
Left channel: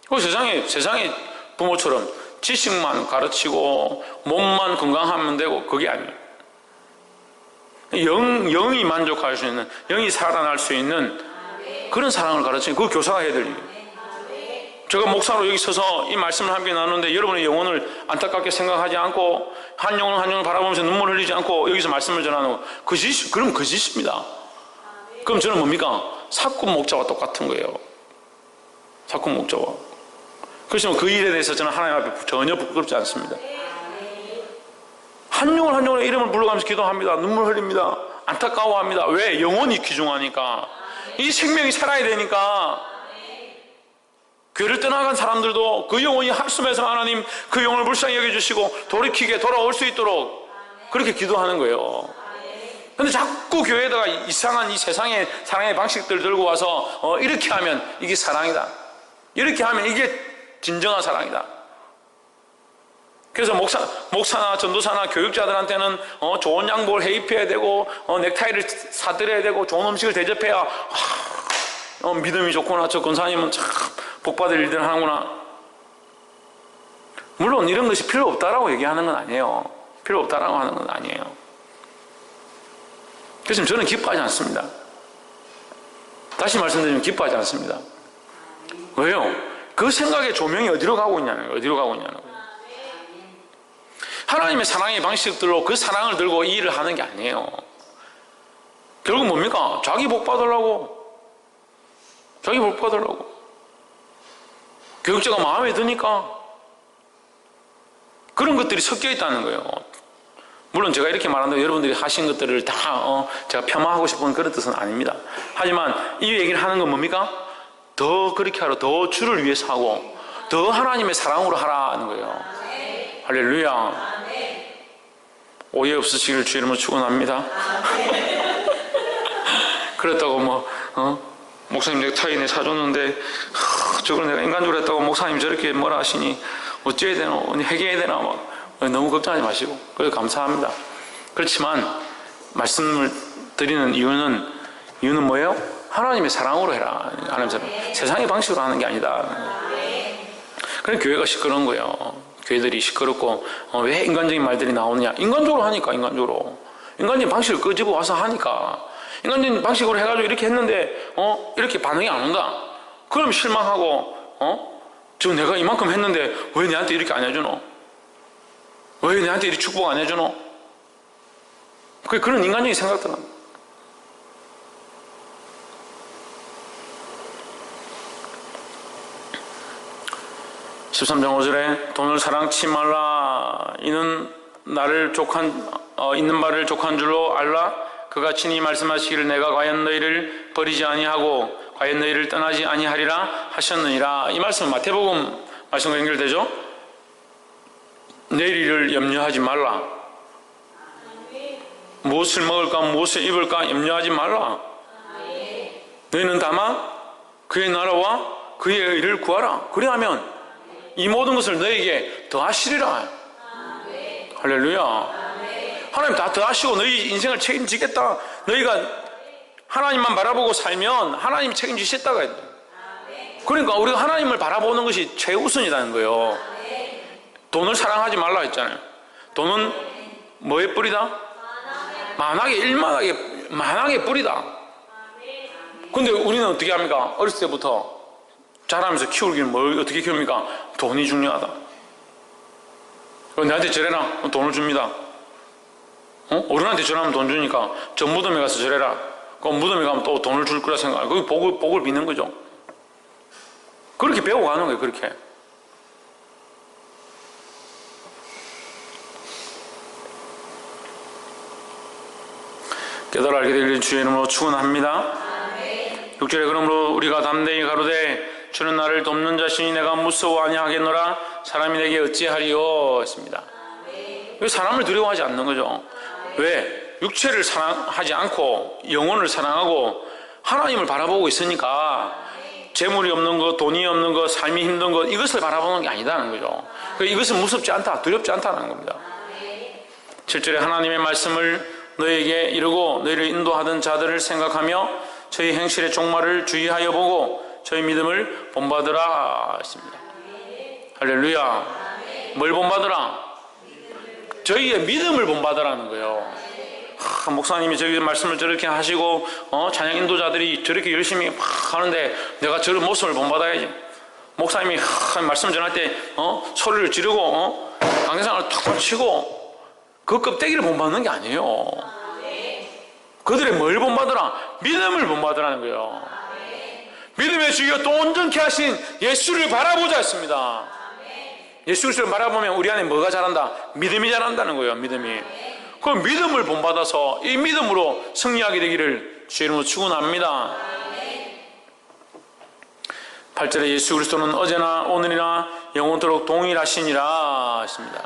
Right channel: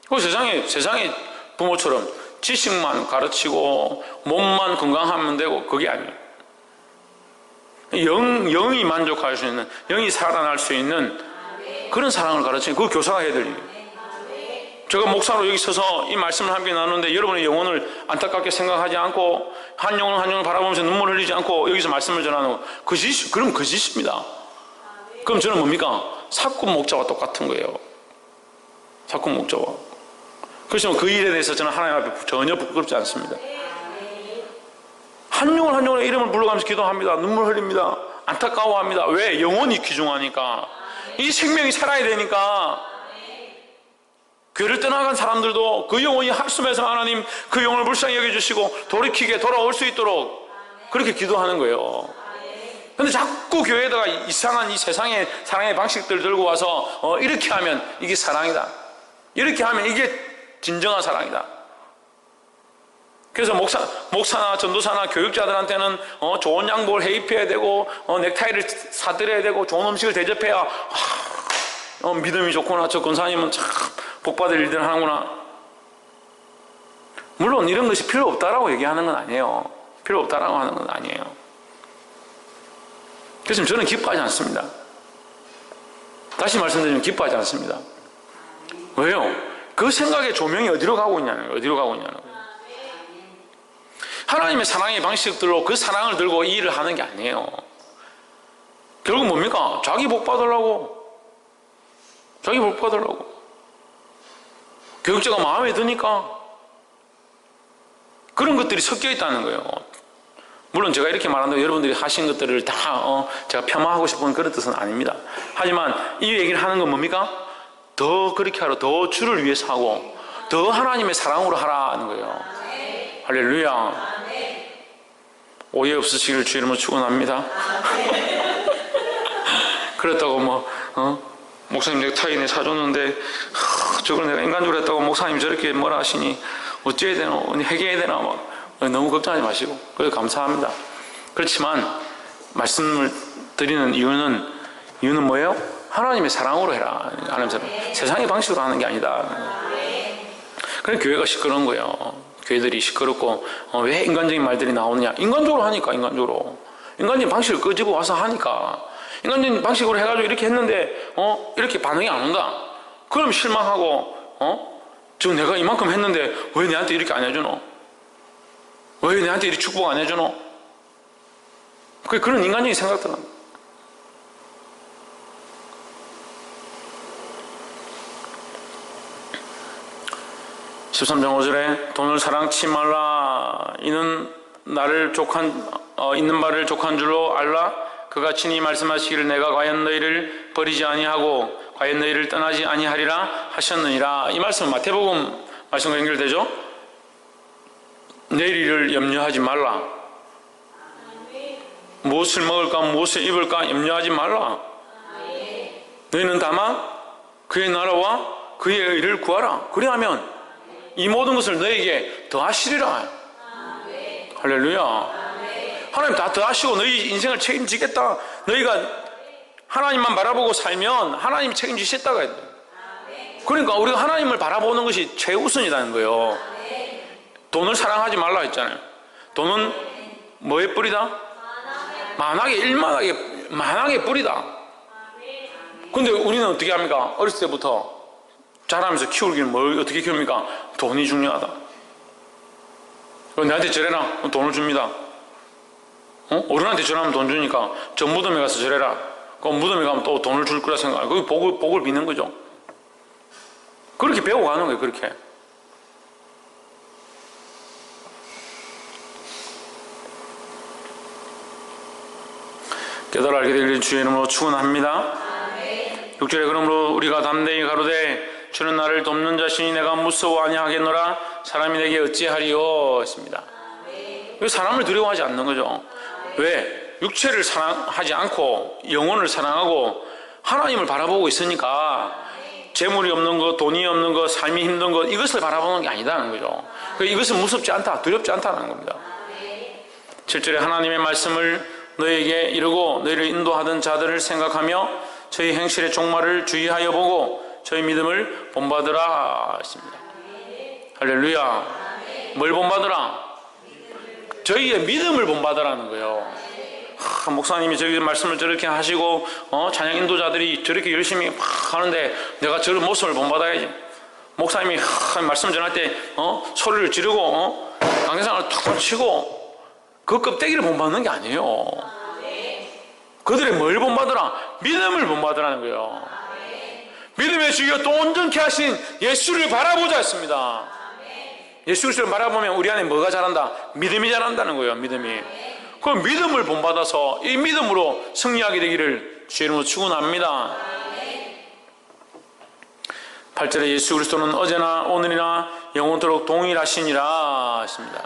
그 세상의 부모처럼 지식만 가르치고 몸만 건강하면 되고 그게 아니에요. 영이 만족할 수 있는, 영이 살아날 수 있는 그런 사랑을 가르치는, 그 교사가 해야 될 일이에요. 제가 목사로 여기 서서 이 말씀을 함께 나누는데 여러분의 영혼을 안타깝게 생각하지 않고 한 영혼 한 영혼 바라보면서 눈물 흘리지 않고 여기서 말씀을 전하는 거, 그럼 거짓입니다. 그럼 저는 뭡니까? 사꾼 목자와 똑같은 거예요. 사꾼 목자와. 그래서 그 일에 대해서 저는 하나님 앞에 전혀 부끄럽지 않습니다. 한 영혼 한 영혼의 이름을 불러가면서 기도합니다. 눈물 흘립니다. 안타까워합니다. 왜? 영혼이 귀중하니까. 이 생명이 살아야 되니까. 교회를 떠나간 사람들도 그 영혼이 한숨에서 하나님 그 영혼을 불쌍히 여겨주시고 돌이키게 돌아올 수 있도록 그렇게 기도하는 거예요. 근데 자꾸 교회에다가 이상한 이 세상의 사랑의 방식들 들고 와서 이렇게 하면 이게 사랑이다, 이렇게 하면 이게 진정한 사랑이다. 그래서 목사나 전도사나 교육자들한테는 좋은 양복을 해입혀야 되고 넥타이를 사드려야 되고 좋은 음식을 대접해야 믿음이 좋구나, 저 권사님은 참 복받을 일들 하는구나. 물론 이런 것이 필요 없다라고 얘기하는 건 아니에요. 필요 없다라고 하는 건 아니에요. 그래서 저는 기뻐하지 않습니다. 다시 말씀드리면 기뻐하지 않습니다. 왜요? 그 생각의 조명이 어디로 가고 있냐는 거예요. 어디로 가고 있냐는 거예요. 하나님의 사랑의 방식들로 그 사랑을 들고 이 일을 하는 게 아니에요. 결국 뭡니까? 자기 복 받으려고. 자기 복 받으려고. 교육자가 마음에 드니까 그런 것들이 섞여 있다는 거예요. 물론 제가 이렇게 말한다고 여러분들이 하신 것들을 다 제가 폄하하고 싶은 그런 뜻은 아닙니다. 하지만 이 얘기를 하는 건 뭡니까? 더 그렇게 하라, 더 주를 위해서 하고 더 하나님의 사랑으로 하라는 거예요. 할렐루야. 오해 없으시길 주 이름으로 축원합니다. 그렇다고 목사님 넥타이네 사줬는데 저걸 내가 인간적으로 했다고 목사님 저렇게 뭐라 하시니 어찌해야 되나, 해결해야 되나 너무 걱정하지 마시고, 그래서 감사합니다. 그렇지만 말씀을 드리는 이유는 뭐예요? 하나님의 사랑으로 해라. 하나님의 사랑. 세상의 방식으로 하는 게 아니다. 그래서 교회가 시끄러운 거예요. 교회들이 시끄럽고 왜 인간적인 말들이 나오느냐? 인간적으로 하니까. 인간적인 방식을 끄집어 와서 하니까. 인간적인 방식으로 해가지고 이렇게 했는데 이렇게 반응이 안 온다. 그럼 실망하고 지금 내가 이만큼 했는데 왜 내한테 이렇게 안 해주노? 왜 내한테 이렇게 축복 안 해주노? 그런 인간적인 생각들은. 13장 5절에 돈을 사랑치 말라. 이는 나를 있는 바를 족한 줄로 알라. 그가 친히 말씀하시기를 내가 과연 너희를 버리지 아니하고 과연 너희를 떠나지 아니하리라 하셨느니라. 이 말씀은 마태복음 말씀과 연결되죠? 내일 일을 염려하지 말라. 무엇을 먹을까 무엇을 입을까 염려하지 말라. 너희는 다만 그의 나라와 그의 의를 구하라. 그리하면 이 모든 것을 너에게 더하시리라. 할렐루야. 하나님 다 더하시고 너희 인생을 책임지겠다. 너희가 하나님만 바라보고 살면 하나님이 책임지셨다가 해요. 그러니까 우리가 하나님을 바라보는 것이 최우선이라는 거예요. 돈을 사랑하지 말라 했잖아요. 돈은 뭐의 뿌리다? 만악의 일만하게 만악의 뿌리다. 근데 우리는 어떻게 합니까? 어렸을 때부터 자라면서 키우기는 뭘 어떻게 키웁니까? 돈이 중요하다. 내한테 절해라. 돈을 줍니다. 어른한테 절하면 돈 주니까 저 무덤에 가서 절해라. 그럼 무덤에 가면 또 돈을 줄 거라 생각하고 거기 복을 비는 거죠. 그렇게 배워가는 거예요. 그렇게. 깨달아 알게 되기를 주의 이름으로 축원합니다. 6절에 그러므로 우리가 담대히 가로되 주는 나를 돕는 자신이 내가 무서워 아니하겠노라 사람이 내게 어찌하리요 했습니다. 왜 사람을 두려워하지 않는 거죠? 왜? 육체를 사랑하지 않고 영혼을 사랑하고 하나님을 바라보고 있으니까 재물이 없는 것, 돈이 없는 것, 삶이 힘든 것 이것을 바라보는 게 아니다는 거죠. 이것은 무섭지 않다, 두렵지 않다는 겁니다. 7절에 하나님의 말씀을 너에게 이르고 너희를 인도하던 자들을 생각하며 저희 행실의 종말을 주의하여 보고 저희 믿음을 본받으라 했습니다. 할렐루야. 뭘 본받으라? 저희의 믿음을 본받으라는 거예요. 목사님이 저기 말씀을 저렇게 하시고 찬양 인도자들이 저렇게 열심히 막 하는데 내가 저런 모습을 본받아야지. 목사님이 말씀 전할 때 소리를 지르고 강의상을 탁탁 치고 그 껍데기를 본받는 게 아니에요. 그들의 뭘 본받으라? 믿음을 본받으라는 거예요. 믿음의 주여 또 온전케 하신 예수를 바라보자 했습니다. 예수 그리스도를 바라보면 우리 안에 뭐가 자란다? 믿음이 자란다는 거예요. 믿음이. 그 믿음을 본받아서 이 믿음으로 승리하게 되기를 주의 이름으로 축원합니다. 8절에 예수 그리스도는 어제나 오늘이나 영원토록 동일하시니라 했습니다.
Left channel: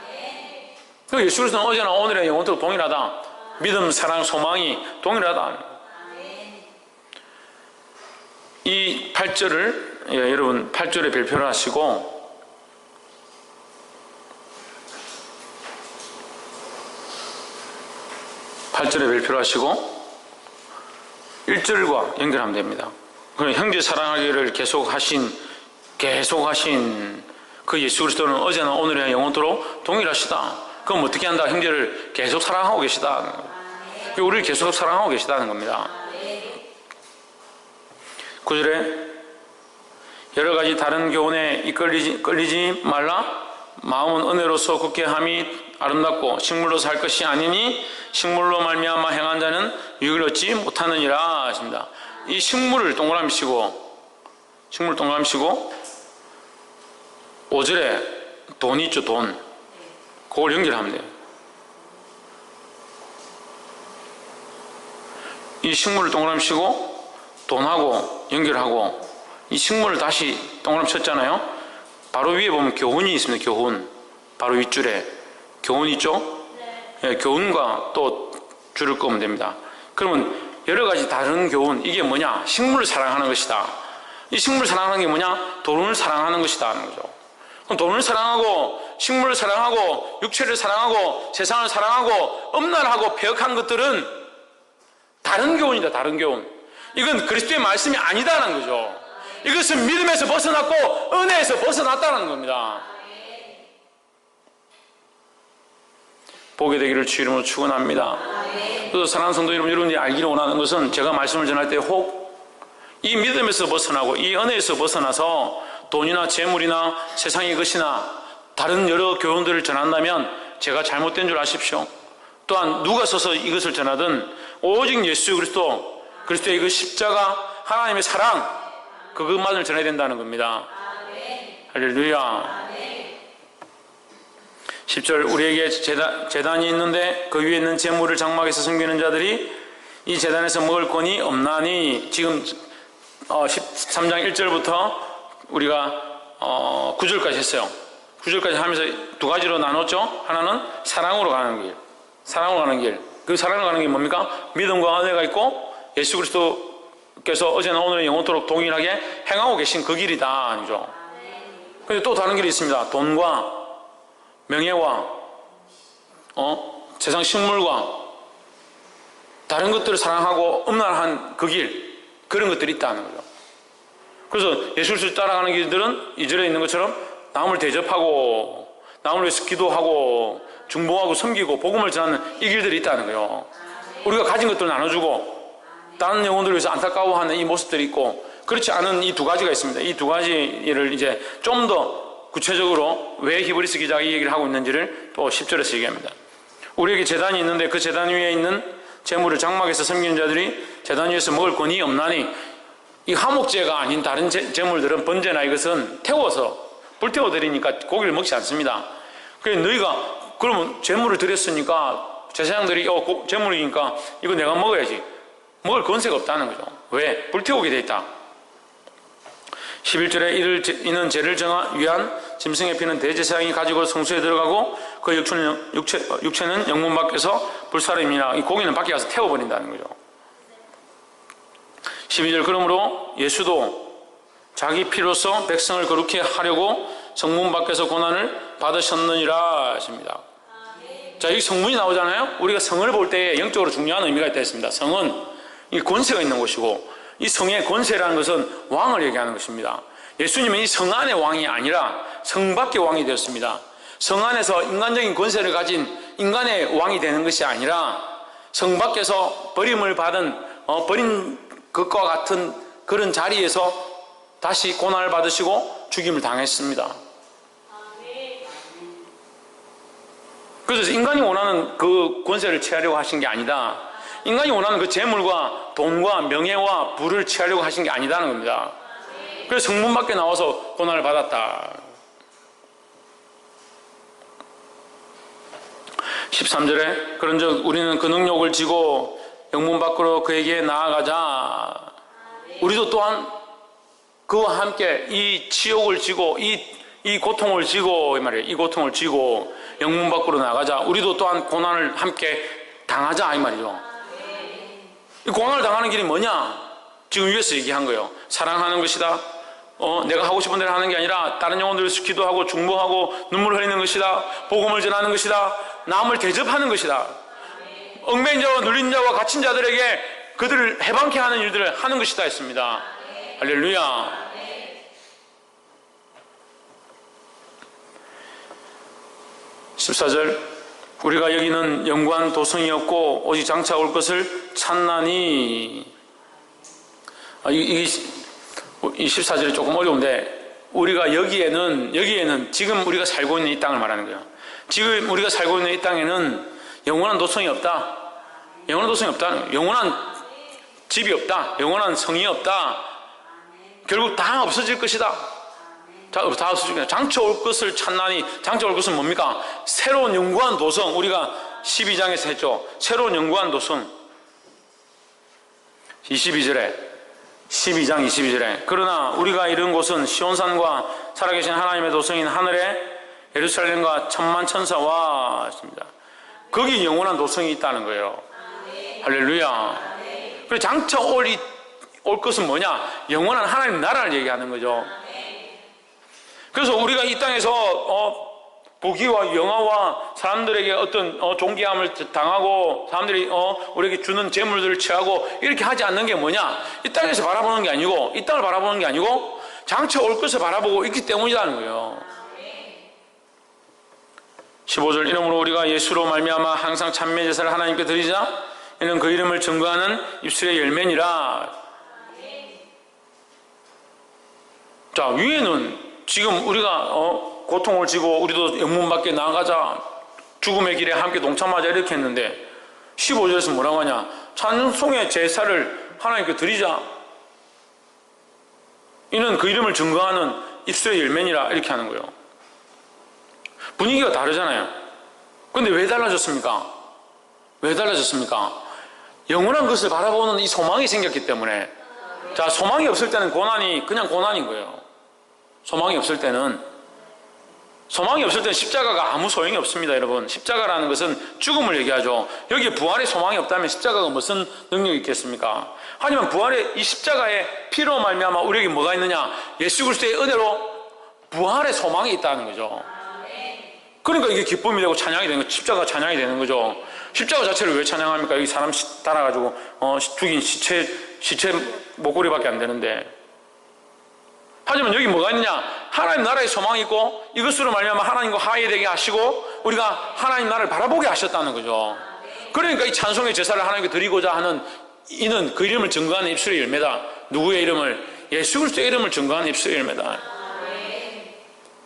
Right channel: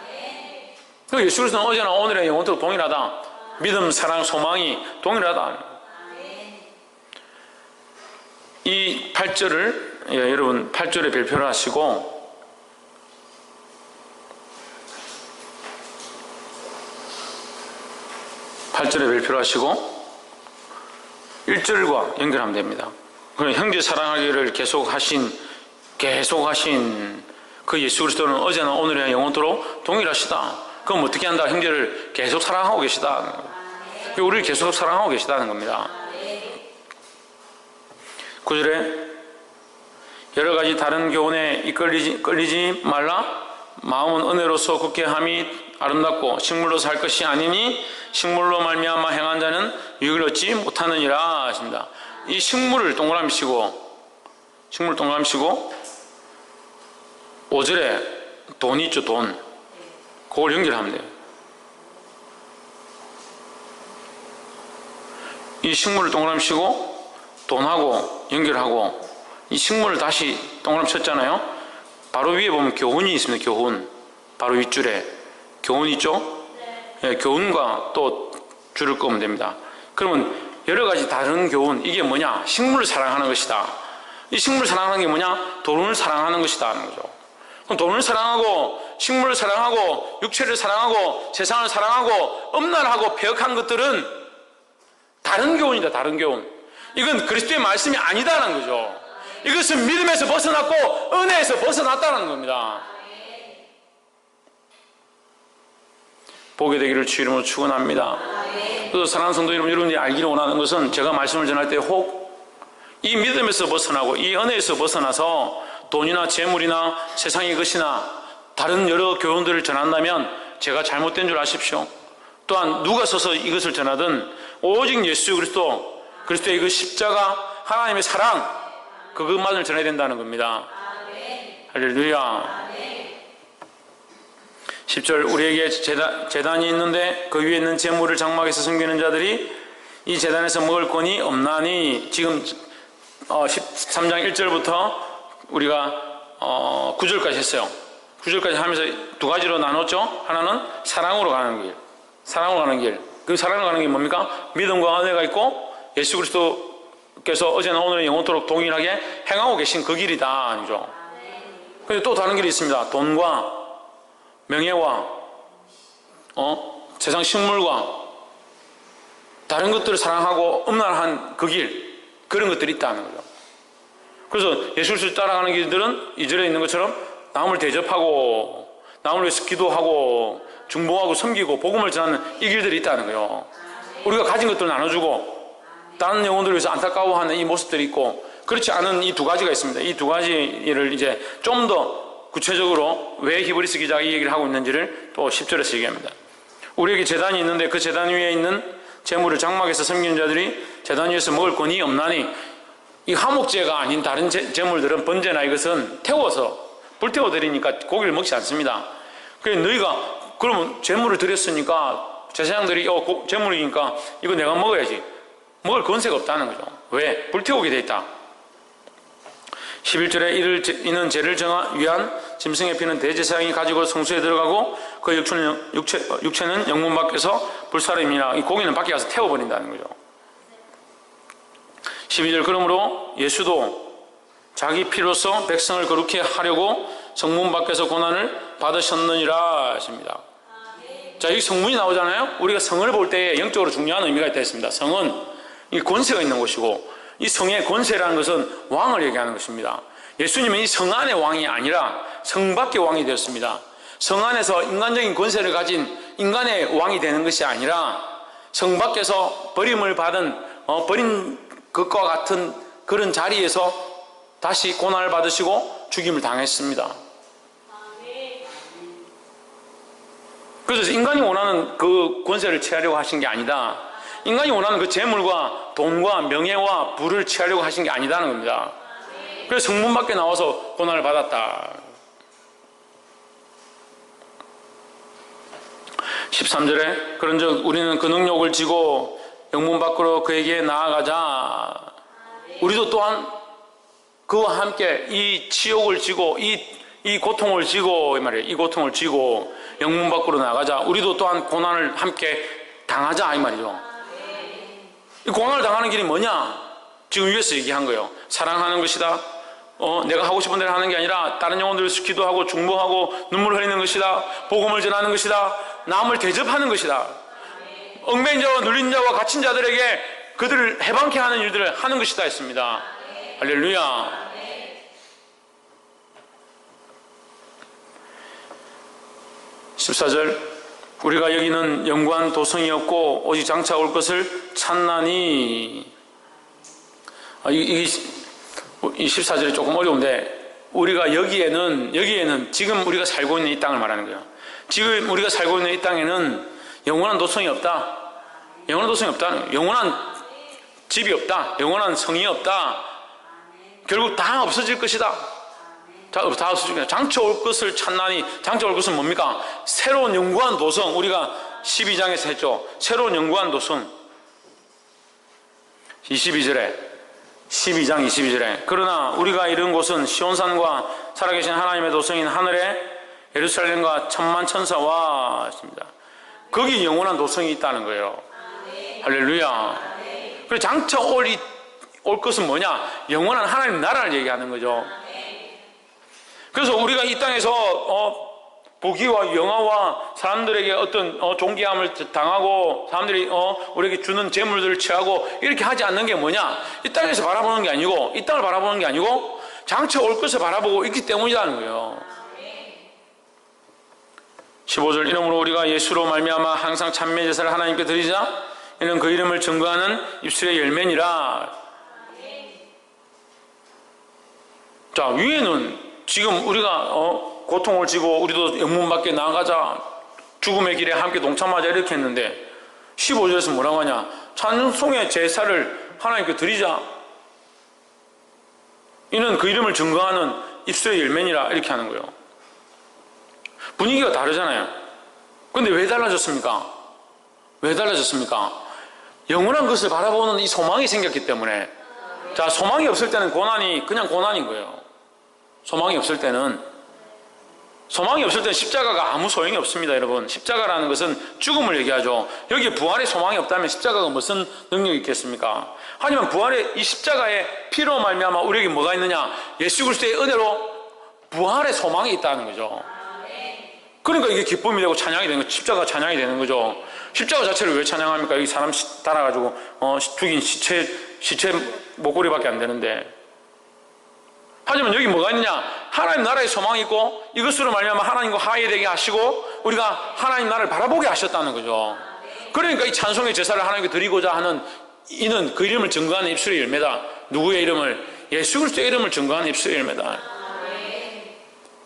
예수 그리스도는 어제나 오늘이나 영원토록 동일하다. 믿음, 사랑, 소망이 동일하다. 이 8절을 여러분 8절에 별표를 하시고 8절에 별표를 하시고 1절과 연결하면 됩니다. 형제 사랑하기를 계속하신 그 예수 그리스도는 어제나 오늘이나 영원토록 동일하시다. 그럼 어떻게 한다? 형제를 계속 사랑하고 계시다. 우리를 계속 사랑하고 계시다는 겁니다. 9절에 여러 가지 다른 교훈에 이끌리지 말라. 마음은 은혜로서 굳게 함이 아름답고 식물로서 할 것이 아니니 식물로 말미암아 행한 자는 유익을 얻지 못하느니라 하십니다. 이 식물을 동그라미 치고 5절에 돈이 있죠. 돈. 그걸 연결하면 돼요. 이 식물을 동그라미 치고 돈하고 연결하고 이 식물을 다시 동그라미 쳤잖아요. 바로 위에 보면 교훈이 있습니다. 교훈. 바로 윗줄에 교훈이 있죠. 네, 교훈과 또 줄을 끄면 됩니다. 그러면 여러 가지 다른 교훈, 이게 뭐냐? 식물을 사랑하는 것이다. 이 식물을 사랑하는 게 뭐냐? 돈을 사랑하는 것이다 하는 거죠. 그럼 돈을 사랑하고 식물을 사랑하고 육체를 사랑하고 세상을 사랑하고 엄란하고 폐역한 것들은 다른 교훈이다. 다른 교훈. 이건 그리스도의 말씀이 아니다라는 거죠. 이것은 믿음에서 벗어났고 은혜에서 벗어났다는 겁니다. 보게 되기를 주 이름으로 축원합니다. 또 사랑하는 성도 여러분, 여러분들이 알기를 원하는 것은 제가 말씀을 전할 때 혹 이 믿음에서 벗어나고 이 은혜에서 벗어나서 돈이나 재물이나 세상의 것이나 다른 여러 교훈들을 전한다면 제가 잘못된 줄 아십시오. 또한 누가 서서 이것을 전하든 오직 예수 그리스도의 그 십자가, 하나님의 사랑, 그것만을 전해야 된다는 겁니다. 할렐루야. 10절 우리에게 제단이 있는데 그 위에 있는 재물을 장막에서 섬기는 자들이 이 제단에서 먹을 권이 없나니. 지금 13장 1절부터 우리가 9절까지 했어요. 9절까지 하면서 두 가지로 나눴죠. 하나는 사랑으로 가는 길. 사랑으로 가는 길. 그 사랑으로 가는 게 뭡니까? 믿음과 은혜가 있고 예수 그리스도께서 어제나 오늘은 영원토록 동일하게 행하고 계신 그 길이다. 아니죠. 근데 또 다른 길이 있습니다. 돈과 명예와 세상 식물과 다른 것들을 사랑하고 음란한 그 길, 그런 것들이 있다는 거죠. 그래서 예수를 따라가는 길들은 2절에 있는 것처럼 남을 대접하고 남을 위해서 기도하고 중보하고 섬기고 복음을 전하는 이 길들이 있다는 거예요. 우리가 가진 것들을 나눠주고 다른 영혼들을 위해서 안타까워하는 이 모습들이 있고, 그렇지 않은 이 두 가지가 있습니다. 이 두 가지를 이제 좀 더 구체적으로 왜 히브리서 기자가 이 얘기를 하고 있는지를 또 10절에서 얘기합니다. 우리에게 제단이 있는데 그 제단 위에 있는 제물을 장막에서 섬기는 자들이 제단 위에서 먹을 권이 없나니, 이 화목제가 아닌 다른 제물들은 번제나 이것은 태워서 불태워 드리니까 고기를 먹지 않습니다. 그래서 너희가 그러면 제물을 드렸으니까 제사장들이 제물이니까 이거 내가 먹어야지, 먹을 권세가 없다는 거죠. 왜? 불태우게 돼 있다. 11절에 이는 죄를 위한 짐승의 피는 대제사장이 가지고 성소에 들어가고 그 육체는 영문 밖에서 불사름이나 이 고기는 밖에 가서 태워버린다는 거죠. 12절 그러므로 예수도 자기 피로서 백성을 거룩히 하려고 성문 밖에서 고난을 받으셨느니라 하십니다. 자, 여기 성문이 나오잖아요. 우리가 성을 볼 때 영적으로 중요한 의미가 있다 했습니다. 성은 이 권세가 있는 곳이고, 이 성의 권세라는 것은 왕을 얘기하는 것입니다. 예수님은 이 성 안의 왕이 아니라 성 밖의 왕이 되었습니다. 성 안에서 인간적인 권세를 가진 인간의 왕이 되는 것이 아니라 성 밖에서 버림을 받은 버린 것과 같은 그런 자리에서 다시 고난을 받으시고 죽임을 당했습니다. 그래서 인간이 원하는 그 권세를 취하려고 하신 게 아니다. 인간이 원하는 그 재물과 돈과 명예와 부를 취하려고 하신 게 아니다는 겁니다. 그래서 성문 밖에 나와서 고난을 받았다. 13절에 그런즉 우리는 그 능력을 지고 영문 밖으로 그에게 나아가자. 우리도 또한 그와 함께 이 치욕을 지고 이 고통을 지고 이 말이에요. 이 고통을 지고 영문 밖으로 나가자. 우리도 또한 고난을 함께 당하자 이 말이죠. 이 고난을 당하는 길이 뭐냐? 지금 위에서 얘기한 거예요. 사랑하는 것이다. 내가 하고 싶은 대로 하는 게 아니라 다른 영혼들을 기도하고 중보하고 눈물을 흘리는 것이다. 복음을 전하는 것이다. 남을 대접하는 것이다. 얽매인 자와 눌린 자와 갇힌 자들에게 그들을 해방케 하는 일들을 하는 것이다 했습니다. 할렐루야. 14절 우리가 여기는 영구한 도성이 없고 오직 장차 올 것을 찾나니. 이 14절이 조금 어려운데, 우리가 여기에는 지금 우리가 살고 있는 이 땅을 말하는 거예요. 지금 우리가 살고 있는 이 땅에는 영원한 도성이 없다. 영원한 도성이 없다는 거예요. 영원한 집이 없다. 영원한 성이 없다. 결국 다 없어질 것이다. 다 없어질 것이다. 장차 올 것을 찾나니. 장차 올 것은 뭡니까? 새로운 영구한 도성. 우리가 12장에서 했죠. 새로운 영구한 도성. 12장 22절에 그러나 우리가 이른 곳은 시온산과 살아계신 하나님의 도성인 하늘의 예루살렘과 천만 천사와 했습니다. 거기 영원한 도성이 있다는 거예요. 할렐루야. 그리고 장차 올 것은 뭐냐? 영원한 하나님 나라를 얘기하는 거죠. 그래서 우리가 이 땅에서 부귀와 영화와 사람들에게 어떤 존귀함을 당하고 사람들이 우리에게 주는 재물들을 취하고 이렇게 하지 않는 게 뭐냐? 이 땅에서 바라보는 게 아니고, 이 땅을 바라보는 게 아니고 장차 올 것을 바라보고 있기 때문이라는 거예요. 15절 이러므로 우리가 예수로 말미암아 항상 찬미 제사를 하나님께 드리자. 이는 그 이름을 증거하는 입술의 열매니라. 자, 위에는 지금 우리가 고통을 지고 우리도 영문 밖에 나가자, 죽음의 길에 함께 동참하자 이렇게 했는데 15절에서 뭐라고 하냐? 찬송의 제사를 하나님께 드리자. 이는 그 이름을 증거하는 입술의 열매니라 이렇게 하는 거예요. 분위기가 다르잖아요. 그런데 왜 달라졌습니까? 왜 달라졌습니까? 영원한 것을 바라보는 이 소망이 생겼기 때문에. 자, 소망이 없을 때는 고난이 그냥 고난인 거예요. 소망이 없을 때는 십자가가 아무 소용이 없습니다, 여러분. 십자가라는 것은 죽음을 얘기하죠. 여기에 부활의 소망이 없다면 십자가가 무슨 능력이 있겠습니까? 하지만 부활의 이 십자가의 피로 말미암아 우리에게 뭐가 있느냐? 예수 그리스도의 은혜로 부활의 소망이 있다는 거죠. 그러니까 이게 기쁨이 되고 찬양이 되는 거죠. 십자가가 찬양이 되는 거죠. 십자가 자체를 왜 찬양합니까? 여기 사람 달아가지고 죽인 시체 목걸이밖에 안 되는데. 하지만 여기 뭐가 있느냐? 하나님 나라의 소망이 있고 이것으로 말미암아 하나님과 화해되게 하시고 우리가 하나님 나라를 바라보게 하셨다는 거죠. 그러니까 이 찬송의 제사를 하나님께 드리고자 하는 이는 그 이름을 증거하는 입술의 열매다. 누구의 이름을? 예수 그리스도의 이름을 증거하는 입술의 열매다.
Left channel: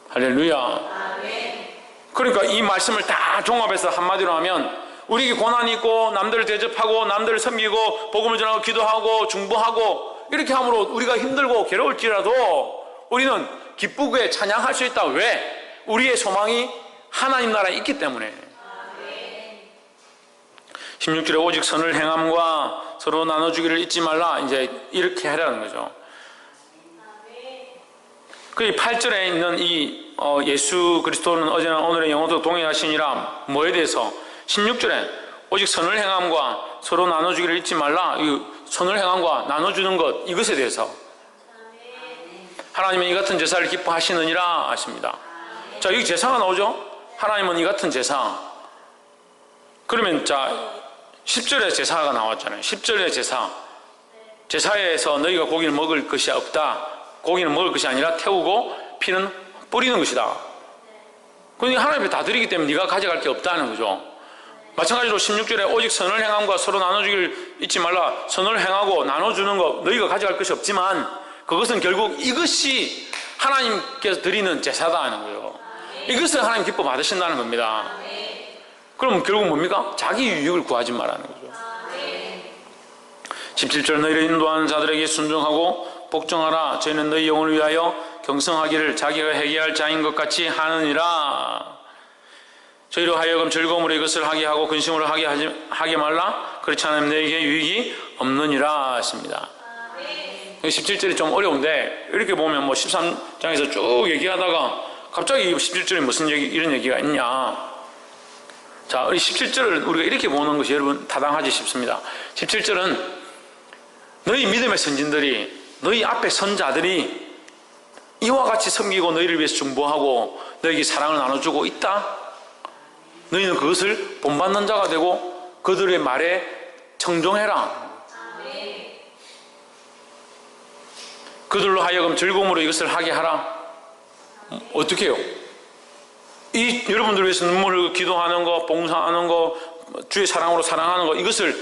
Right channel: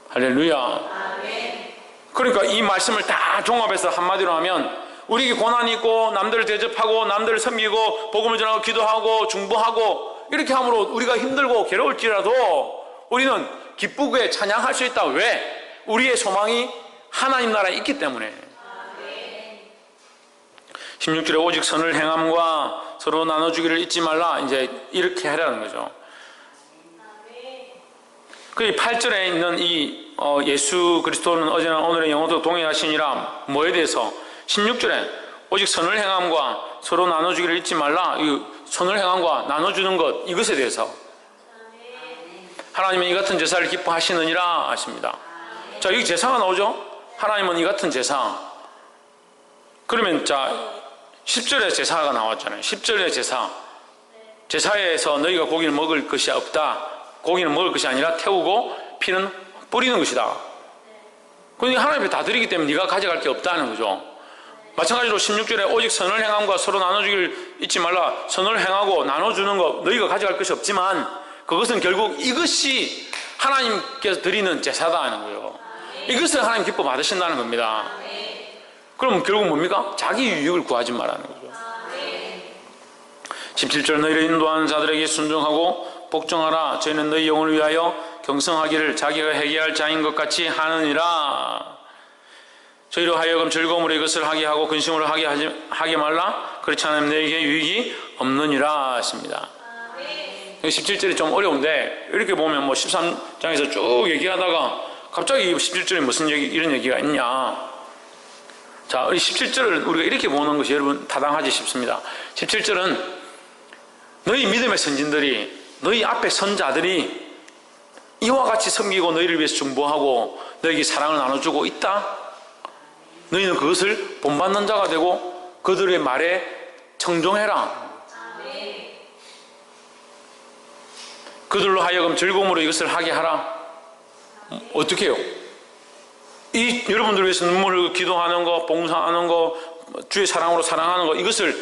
할렐루야. 그러니까 이 말씀을 다 종합해서 한마디로 하면 우리에게 고난이 있고 남들을 대접하고 남들을 섬기고 복음을 전하고 기도하고 중보하고 이렇게 함으로 우리가 힘들고 괴로울지라도 우리는 기쁘게 찬양할 수 있다. 왜? 우리의 소망이 하나님 나라에 있기 때문에. 16절에 오직 선을 행함과 서로 나눠주기를 잊지 말라. 이제 이렇게 하라는 거죠. 그 8절에 있는 이 예수 그리스도는 어제나 오늘의 영원토록 동행하시니라. 뭐에 대해서? 16절에 오직 선을 행함과 서로 나눠주기를 잊지 말라. 이 선을 행함과 나눠주는 것, 이것에 대해서 하나님은 이 같은 제사를 기뻐하시느니라 하십니다. 자, 여기 제사가 나오죠? 하나님은 이 같은 제사. 그러면 자 10절에 제사가 나왔잖아요. 10절의 제사. 제사에서 너희가 고기를 먹을 것이 없다. 고기는 먹을 것이 아니라 태우고 피는 뿌리는 것이다. 그러니까 하나님 앞에 다 드리기 때문에 네가 가져갈 게 없다는 거죠. 마찬가지로 16절에 오직 선을 행함과 서로 나눠주기를 잊지 말라. 선을 행하고 나눠주는 것 너희가 가져갈 것이 없지만 그것은 결국 이것이 하나님께서 드리는 제사다 하는 거예요. 이것을 하나님 기뻐 받으신다는 겁니다. 그럼 결국 뭡니까? 자기 유익을 구하지 말라는 거죠. 17절 너희를 인도하는 자들에게 순종하고 복종하라. 저희는 너희 영혼을 위하여 경성하기를 자기가 회개할 자인 것 같이 하느니라. 저희로 하여금 즐거움으로 이것을 하게 하고 근심으로 하게 말라. 그렇지 않으면 너희에게 유익이 없느니라 하십니다. 17절이 좀 어려운데 이렇게 보면 뭐 13장에서 쭉 얘기하다가 갑자기 17절에 무슨 이런 얘기가 있냐. 자, 우리 17절을 우리가 이렇게 보는 것이 여러분 타당하지 싶습니다. 17절은 너희 믿음의 선진들이 너희 앞에 선자들이 이와 같이 섬기고 너희를 위해서 중보하고 너희에게 사랑을 나눠주고 있다. 너희는 그것을 본받는 자가 되고 그들의 말에 청종해라. 그들로 하여금 즐거움으로 이것을 하게 하라. 어떻게 해요? 이 여러분들을 위해서 눈물을 기도하는 거, 봉사하는 거, 주의 사랑으로 사랑하는 거 이것을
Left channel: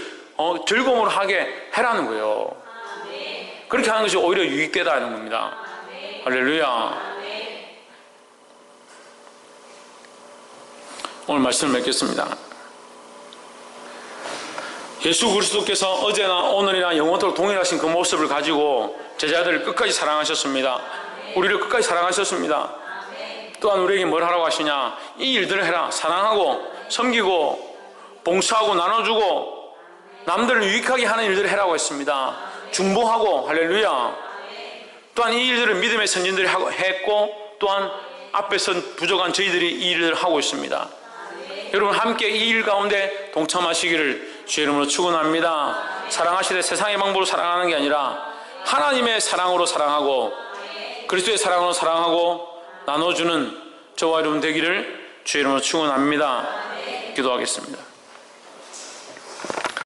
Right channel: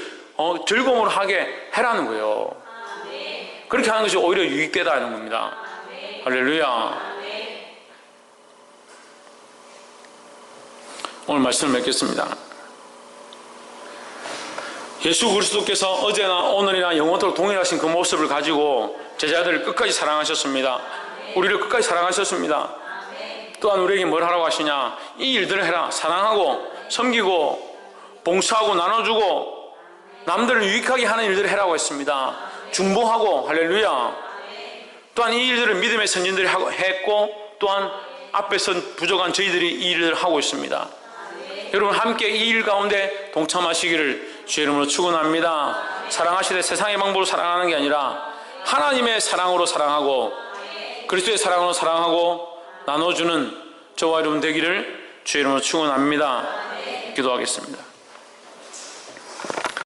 즐거움으로 하게 해라는 거예요. 그렇게 하는 것이 오히려 유익되다는 겁니다. 할렐루야. 오늘 말씀을 맺겠습니다. 예수 그리스도께서 어제나 오늘이나 영원토록 동일하신 그 모습을 가지고 제자들을 끝까지 사랑하셨습니다. 우리를 끝까지 사랑하셨습니다. 또한 우리에게 뭘 하라고 하시냐? 이 일들을 해라. 사랑하고 섬기고 봉사하고 나눠주고 남들을 유익하게 하는 일들을 해라고 했습니다. 중보하고. 할렐루야. 또한 이 일들을 믿음의 선진들이 했고 또한 앞에서 부족한 저희들이 이 일을 하고 있습니다. 여러분 함께 이 일 가운데 동참하시기를 주의 이름으로 축원합니다. 사랑하시되 세상의 방법으로 사랑하는 게 아니라 하나님의 사랑으로 사랑하고 그리스도의 사랑으로 사랑하고 나눠주는 저와 여러분 되기를 주의 이름으로 축원합니다. 기도하겠습니다.